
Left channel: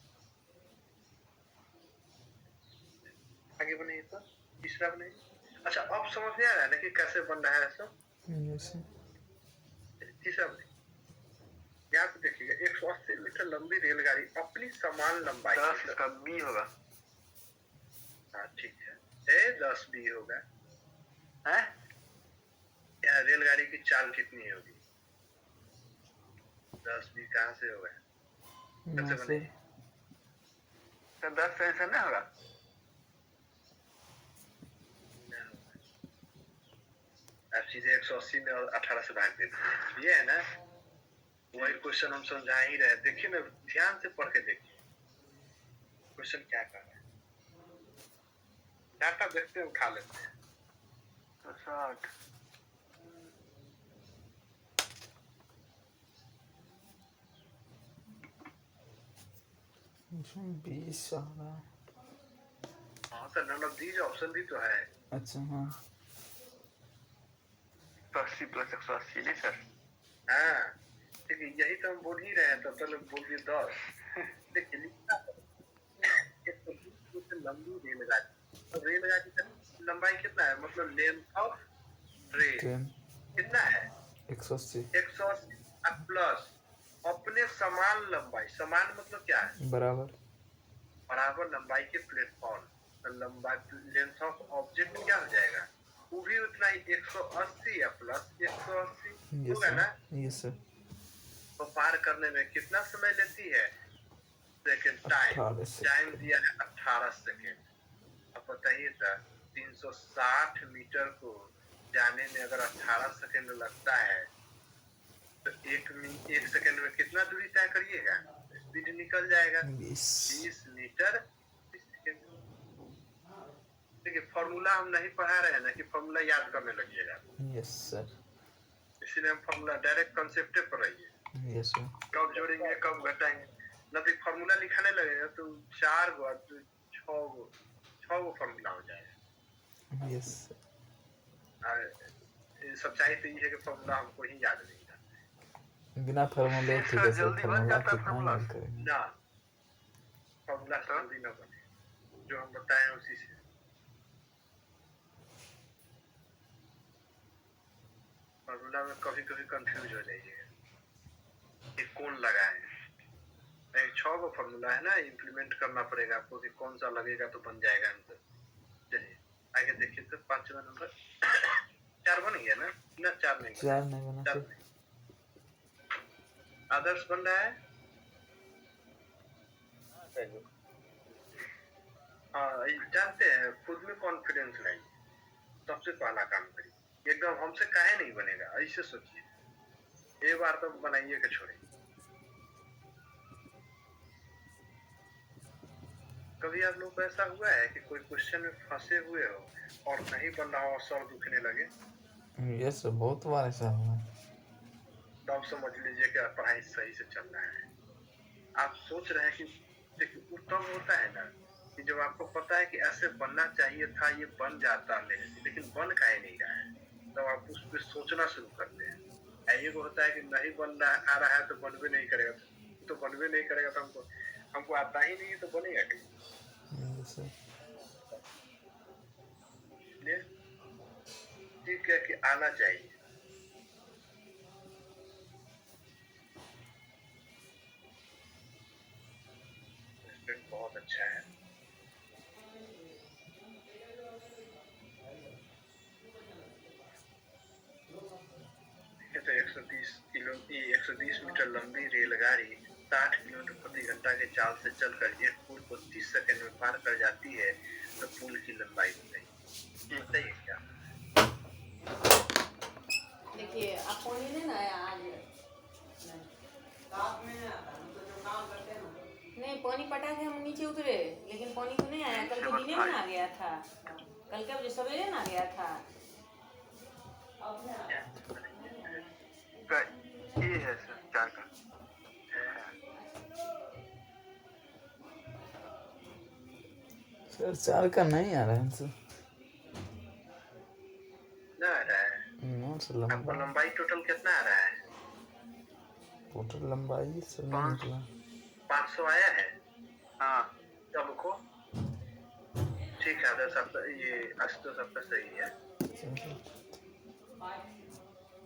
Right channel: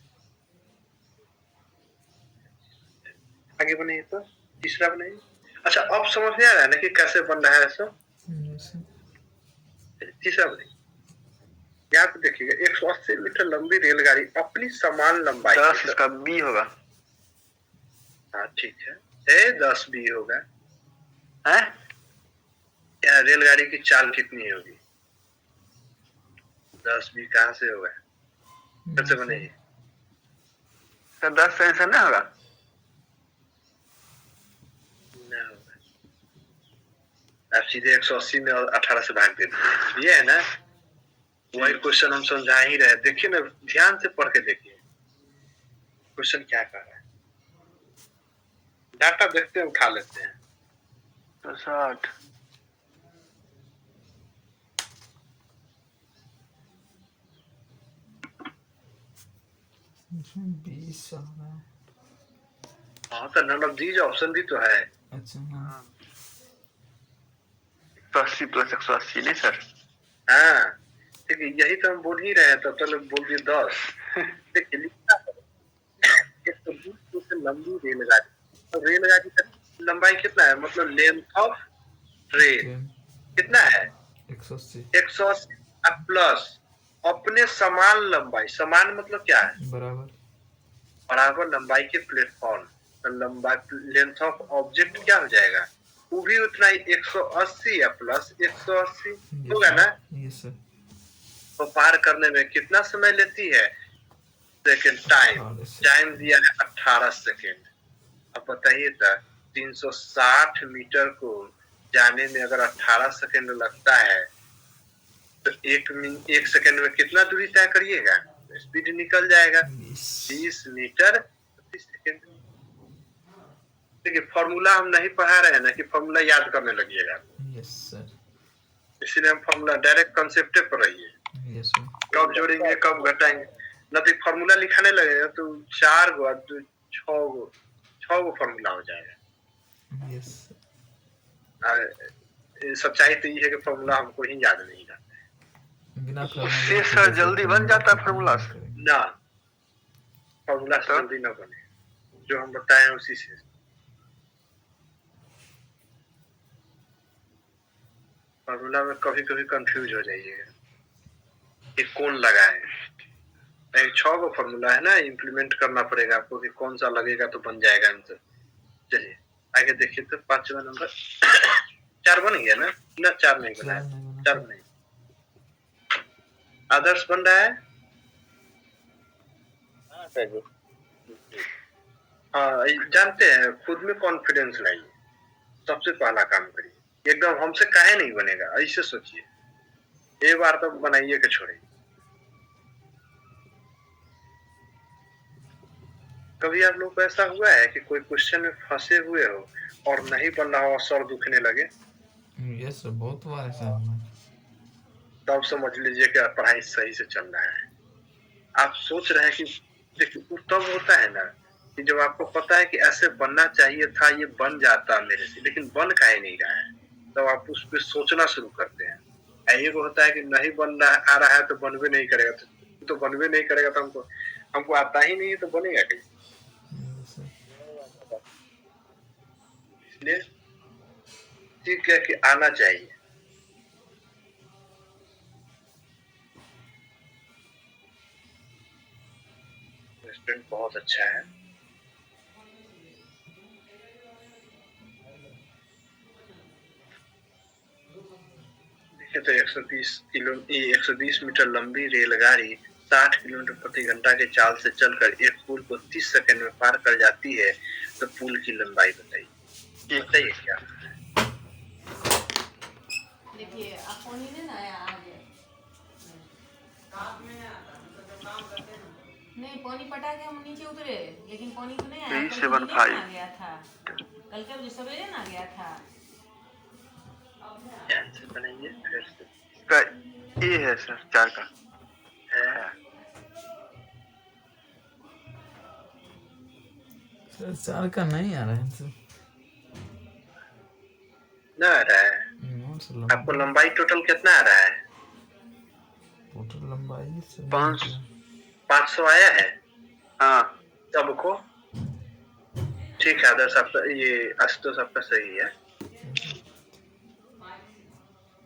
आगे बने तो तीसरा बने। अच्छा अब समझ में आ रहा है ना कि कैसे बन रहा है सब? तीसरा बने, यहाँ पे देखिएगा 180 मीटर लंबी रेलगाड़ी अपनी समान लंबाई 10 इसका बी होगा। हाँ ठीक है, 10 बी होगा। है रेलगाड़ी की चाल कितनी होगी? 10 बी कहाँ से होगा? कैसे बनेगी? सर 10 से आंसर नहीं होगा। आप सीधे 180 में और 18 से भाग देते हैं, ये है ना? वही क्वेश्चन हम समझा ही रहे। देखिए ना, ध्यान से पढ़ के देखिए क्वेश्चन क्या कर रहा है। डाटा देखते हैं, उठा लेते हैं। तो 60 20 आ रहा है। हाँ तो नन ऑफ दीज ऑप्शन भी तो है। अच्छा हाँ। 180 प्लस 180 नहीं सर। हाँ ठीक है, यही तो हम बोल ही रहे हैं। तब तो लोग बोल दिए 10। देखिए लिखना है 120 फुट लंबी रेलगाड़ी, तो रेलगाड़ी का लंबाई कितना है? मतलब लेंथ ऑफ ट्रेन कितना है? 180 प्लस अपने समान लंबाई, समान मतलब क्या है? बराबर। बराबर लंबाई के प्लेटफॉर्म, तो लंबाई लेंथ ऑफ ऑब्जेक्ट क्या हो जाएगा? वो भी उतना ही 180 या प्लस 180 होगा ना? Yes sir. तो पार करने में कितना समय लेती है? सेकेंड टाइम दिया है 18 सेकेंड। अब बताइए तो 360 मीटर को जाने में अगर 18 सेकेंड लगता है तो एक सेकेंड में कितना दूरी तय करिएगा? स्पीड निकल जाएगा 20 मीटर प्रति सेकेंड। देखिए फॉर्मूला हम नहीं पढ़ा रहे हैं ना कि फॉर्मूला याद करने लगिएगा। Yes sir. इसीलिए हम फॉर्मूला डायरेक्ट कॉन्सेप्ट पर रहिए। Yes sir. कब जोड़ेंगे कब घटाएंगे, न तो फॉर्मूला लिखाने लगेगा तो 4 गो 6 गो फॉर्मूला हो जाएगा। यस सच्चाई तो ये है कि फॉर्मूला हमको ही याद नहीं रहता। बिना फॉर्मूला उससे सर जल्दी बन जाता है फॉर्मूला ना, फॉर्मूला से जल्दी ना बने, जो हम बताए हैं उसी से। फॉर्मूला में कभी कभी कंफ्यूज हो जाइएगा कि कौन लगाए। 6 गो फॉर्मूला है ना, इम्प्लीमेंट करना पड़ेगा आपको कि कौन सा लगेगा तो बन जाएगा आंसर। चलिए आगे देखिए तो 5वां नंबर 4 बन गया ना? 4 नहीं बना, 4 नहीं। आदर्श बन रहा है। हाँ सर जी। हाँ, जानते हैं, खुद में कॉन्फिडेंस लाइए, सबसे पहला काम करिए। एकदम हमसे काहे नहीं बनेगा ऐसे सोचिए, एक बार तो बनाइए के छोड़े। कभी आप लोग को ऐसा हुआ है कि कोई क्वेश्चन में फंसे हुए हो और नहीं बन रहा हो, सर दुखने लगे? यस सर, बहुत बार ऐसा हुआ है। तब समझ लीजिए कि पढ़ाई सही से चल रहा है। आप सोच रहे हैं कि देखिए, तब होता है ना कि जब आपको पता है कि ऐसे बनना चाहिए था, ये बन जाता मेरे से, लेकिन बन काहे नहीं रहा है, तब आप उस पर सोचना शुरू करते हैं। एक होता है कि नहीं बन रहा आ रहा है तो बनवे नहीं करेगा, तो बनवे नहीं करेगा तो हमको आता ही नहीं है तो बनेगा कहीं। Yes sir. इसलिए ठीक है कि आना चाहिए। रेस्टोरेंट बहुत अच्छा है। देखिए तो 130 मीटर लंबी रेलगाड़ी 60 किलोमीटर प्रति घंटा के चाल से चलकर एक पुल को 30 सेकंड में पार कर जाती है, तो पुल की लंबाई बताइए। बताइए क्या? देखिए आप पानी लेना है आज नहीं, पानी पटा के हम नीचे उतरे, लेकिन पानी तो नहीं आया। कल तो दिने में आ गया था, कल का सवेरे ना गया था। बनाइए फिर से। का ये है सर 4 का है। सर 4 का नहीं आ रहा है सर। ना आ रहा है? नो सर, आपको लंबाई टोटल कितना आ रहा है? टोटल लंबाई सर 500 आया है। हाँ सबको ठीक है। आदर्श आपका, ये आशुतोष आपका सही है,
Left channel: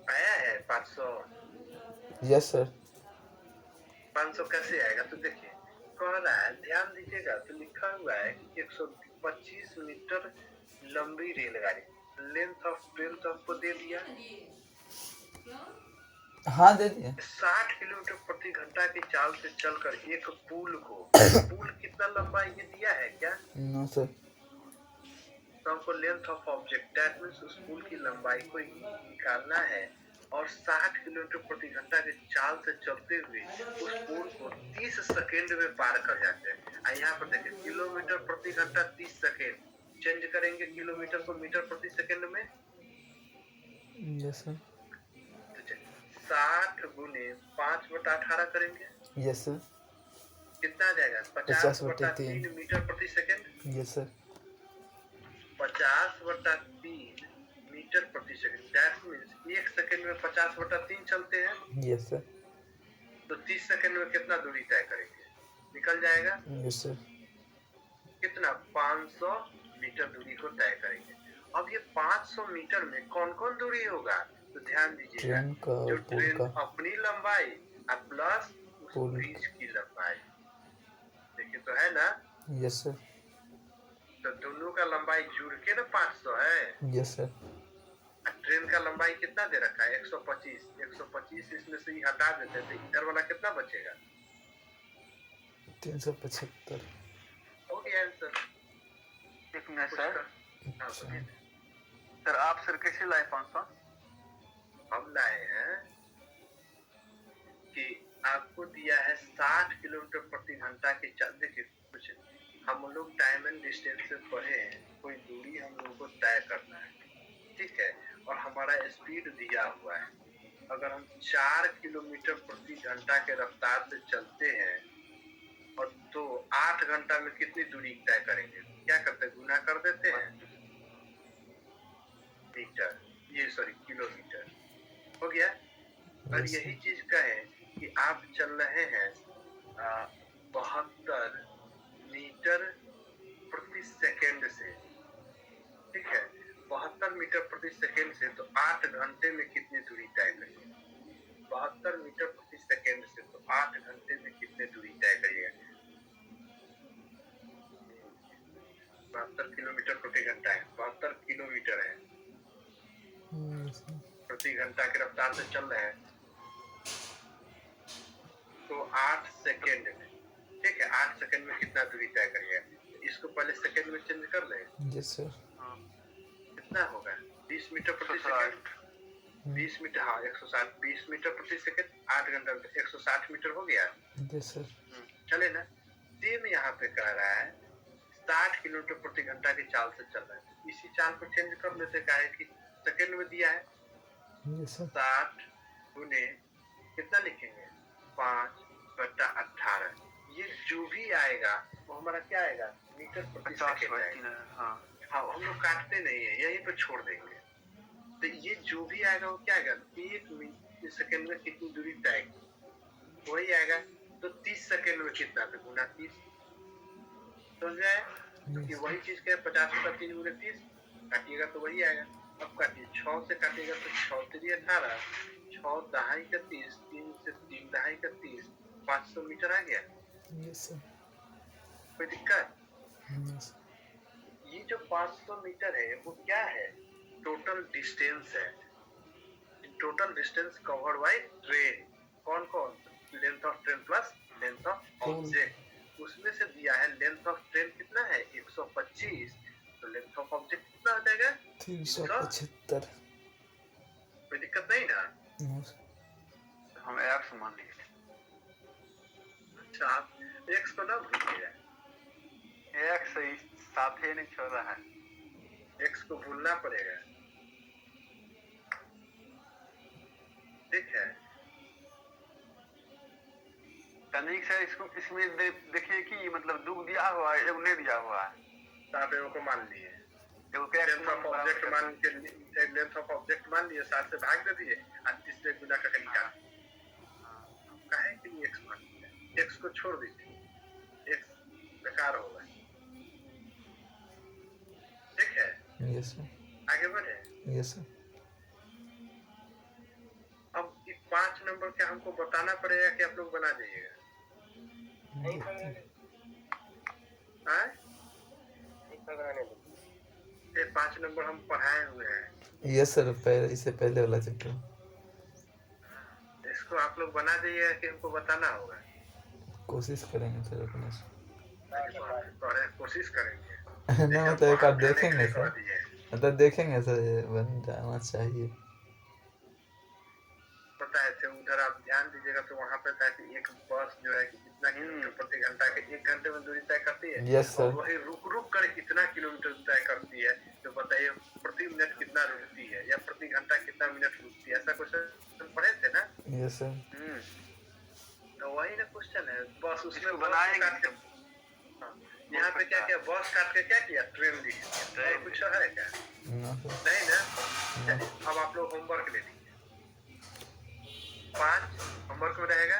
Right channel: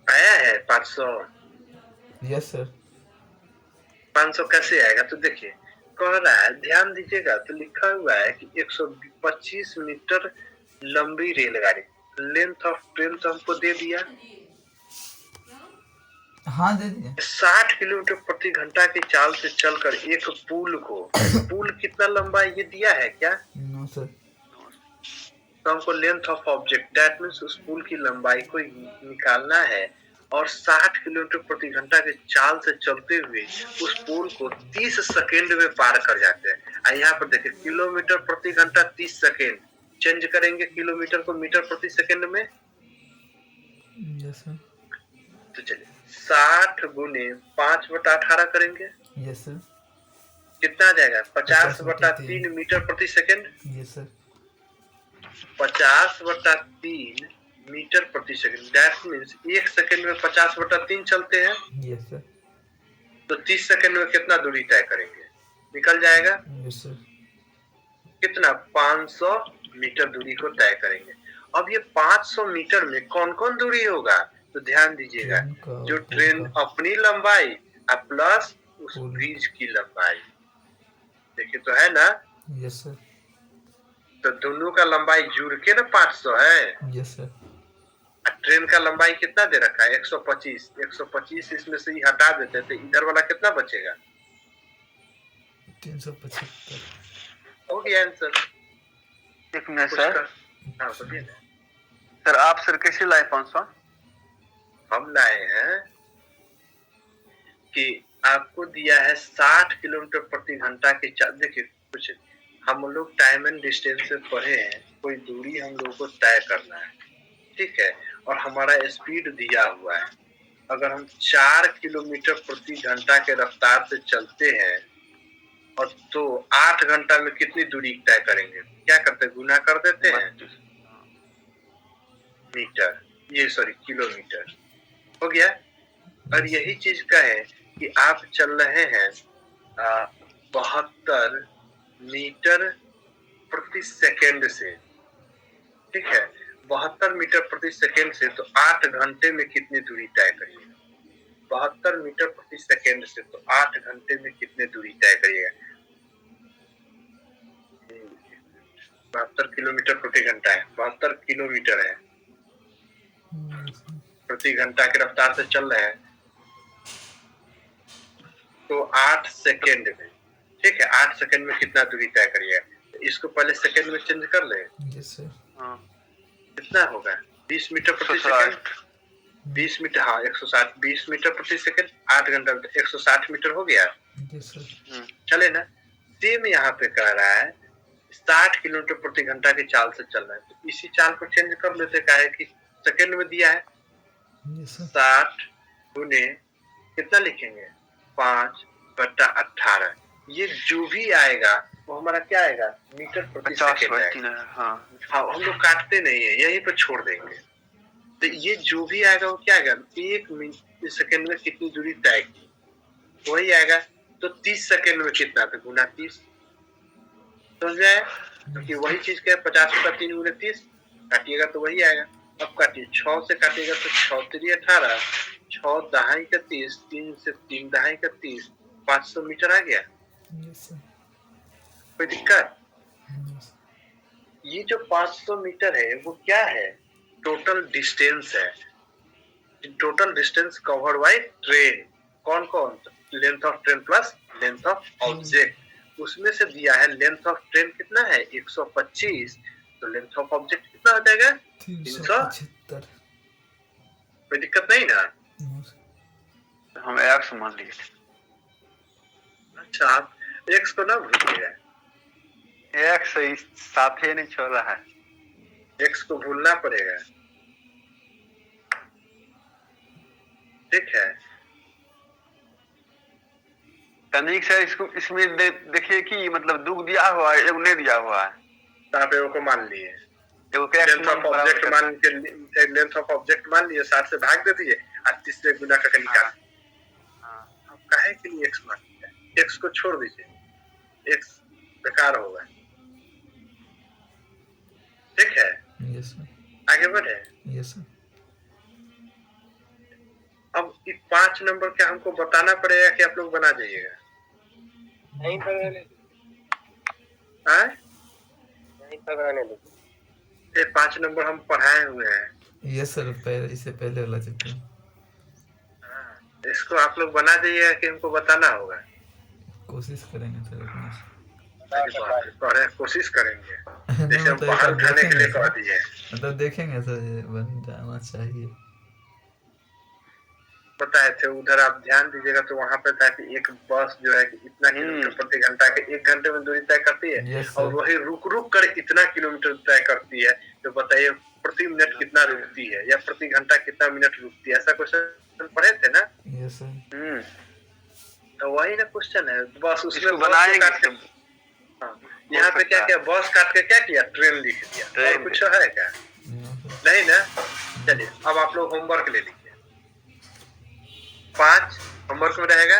आया है 500। Yes sir. 500 कैसे आएगा? तो देखिए, कह रहा है, ध्यान दीजिएगा, तो लिखा हुआ है कि 125 मीटर लंबी रेलगाड़ी, लेंथ ऑफ ट्रेन तो हमको दे दिया, हाँ दे दिए। 60 किलोमीटर प्रति घंटा की चाल से चलकर एक पुल को, पुल कितना लंबा ये दिया है क्या? No sir. तो हमको length of object, that means उस पुल की लंबाई को निकालना है, और 60 किलोमीटर प्रति घंटा के चाल से चलते हुए उस पुल को 30 सेकेंड में पार कर जाते हैं। यहाँ पर देखिए, किलोमीटर प्रति घंटा 30 सेकेंड, चेंज करेंगे किलोमीटर को मीटर प्रति सेकेंड में। Yes sir. तो चलिए 60 गुने 5/18 करेंगे। Yes sir. कितना आ जाएगा? 50/3 मीटर प्रति सेकेंड। Yes sir. 50/3 मीटर प्रति सेकंड, दैट मीन्स 1 सेकंड में 50/3 चलते हैं। Yes sir. तो 30 सेकंड में कितना दूरी तय करेंगे? निकल जाएगा। Yes sir. कितना? 500 मीटर दूरी को तय करेंगे। अब ये 500 मीटर में कौन कौन दूरी होगा? तो ध्यान दीजिएगा, जो ट्रेन अपनी लंबाई प्लस उस ब्रिज की लंबाई, देखिए तो है ना। Yes sir. तो दोनों का लंबाई जुड़ के ना 500 है। Yes sir. ट्रेन का लंबाई कितना दे रखा है? 125। 125 इसमें से ही हटा देते तो इधर वाला कितना बचेगा? 375। हो गया आंसर। एक मिनट सर। हाँ बोलिए ना। सर आप सर कैसे लाए 500? हम लाए हैं कि आपको दिया है 60 किलोमीटर प्रति घंटा की चाल। देखिए कुछ हम लोग टाइम एंड डिस्टेंस से पढ़े हैं, कोई दूरी हम लोगों को तय करना है, ठीक है, और हमारा स्पीड दिया हुआ है। अगर हम 4 किलोमीटर प्रति घंटा के रफ्तार से चलते हैं और तो 8 घंटा में कितनी दूरी तय करेंगे? क्या करते हैं? गुना कर देते हैं मीटर, ये सॉरी किलोमीटर, हो गया। और यही चीज का है कि आप चल रहे हैं 72 मीटर प्रति सेकेंड से, ठीक है, 72 मीटर प्रति सेकेंड से, तो 8 घंटे में कितनी दूरी तय करिएगा? 72 मीटर प्रति सेकेंड से तो 8 घंटे में कितने दूरी तय करिएगा? 72 किलोमीटर प्रति घंटा है, 72 किलोमीटर है, प्रति घंटा की रफ्तार से चल रहे हैं। तो 8 सेकेंड में, ठीक है, 8 सेकेंड में कितना दूरी तय करिएगा, तो इसको पहले सेकेंड में चेंज कर ले। Yes sir. हाँ, कितना होगा 20 मीटर प्रति सेकेंड, 20 मीटर, हाँ 160, 20 मीटर प्रति सेकेंड, 8 घंटा में 160 मीटर हो गया। Yes sir. चले ना, सेम यहाँ पे कह रहा है 60 किलोमीटर प्रति घंटा की चाल से चल रहा है, तो इसी चाल को चेंज कर लेते, क्या है कि सेकेंड में दिया है। Yes sir. 60 गुने कितना लिखेंगे 5/18, ये जो भी आएगा वो हमारा क्या आएगा, मीटर प्रति 50 सेकेंड बाई आएगा। 3 हाँ। हाँ, हम लोग काटते नहीं है, यहीं पे छोड़ देंगे। तो ये जो भी आएगा वो क्या आएगा, 1 सेकेंड में कितनी दूरी तय की वही आएगा। तो 30 सेकेंड में कितना, तो गुना 30, समझ में आया? क्योंकि वही चीज क्या है, 50/3 गुने 30 काटिएगा तो वही आएगा। अब काटिए, 6 से काटिएगा तो 6 3 18, 6 दहाई का 30, 3 से 3 दहाई का 30, 500 मीटर आ गया। Yes sir. कोई दिक्कत? यस। ये जो 500 मीटर है वो क्या है, टोटल डिस्टेंस है, total distance covered by train. कौन कौन, length of train plus length of object. उसमें से दिया है लेंथ ऑफ ट्रेन कितना है 125, तो लेंथ ऑफ ऑब्जेक्ट कितना हो जाएगा 375। कोई दिक्कत नहीं ना? हम x मान लिए। अच्छा, आप x को ना भूलिएगा, x सही साथ ही नहीं छोड़ रहा है, x को भूलना पड़ेगा, ठीक है। तनिक से इसको इसमें देखिए कि मतलब दुख दिया हुआ है, एगो नहीं दिया हुआ है, यहाँ पे को मान लिए, एगो के लेंथ ऑफ ऑब्जेक्ट मान के, लेंथ ऑफ ऑब्जेक्ट मान लिए, 60 से भाग दे दिए और 30 से गुना करके निकाल। अब काहे के लिए x मान लिया, x को छोड़ दीजिए, x बेकार होगा, ठीक है। Yes sir. आगे बढ़े। Yes sir. अब 5 नंबर क्या हमको बताना पड़ेगा कि आप लोग बना जाइएगा? नहीं पकड़ने, हाँ, नहीं पकड़ने दो। ये 5 नंबर हम पढ़ाए हुए हैं। यस सर, पहले इससे पहले वाला चैप्टर। इसको आप लोग बना जाइएगा कि हमको बताना होगा? कोशिश करेंगे सर अपने से। कोशिश करेंगे, नहीं जैसे हम मतलब एक पहाड़ बार उठाने के देखेंगे लिए कह सर, दिए, मतलब देखेंगे सर, ये बन जाना चाहिए। बताए थे उधर, आप ध्यान दीजिएगा तो वहाँ पे था कि एक बस जो है कि इतना किलोमीटर प्रति घंटा के 1 घंटे में दूरी तय करती है, यस और सर। वही रुक रुक कर इतना किलोमीटर तय करती है। तो बताइए प्रति मिनट कितना रुकती है या प्रति घंटा कितना मिनट रुकती है, ऐसा क्वेश्चन पढ़े थे ना? Yes sir. तो वही ना क्वेश्चन है, बस उसमें इसको बस बनाएंगे काट के, हाँ, यहाँ पे क्या किया, बस काट के क्या किया, ट्रेन लिख दिया, और कुछ है क्या? नहीं ना? चलिए अब आप लोग होमवर्क ले लीजिए। 5 होमवर्क में रहेगा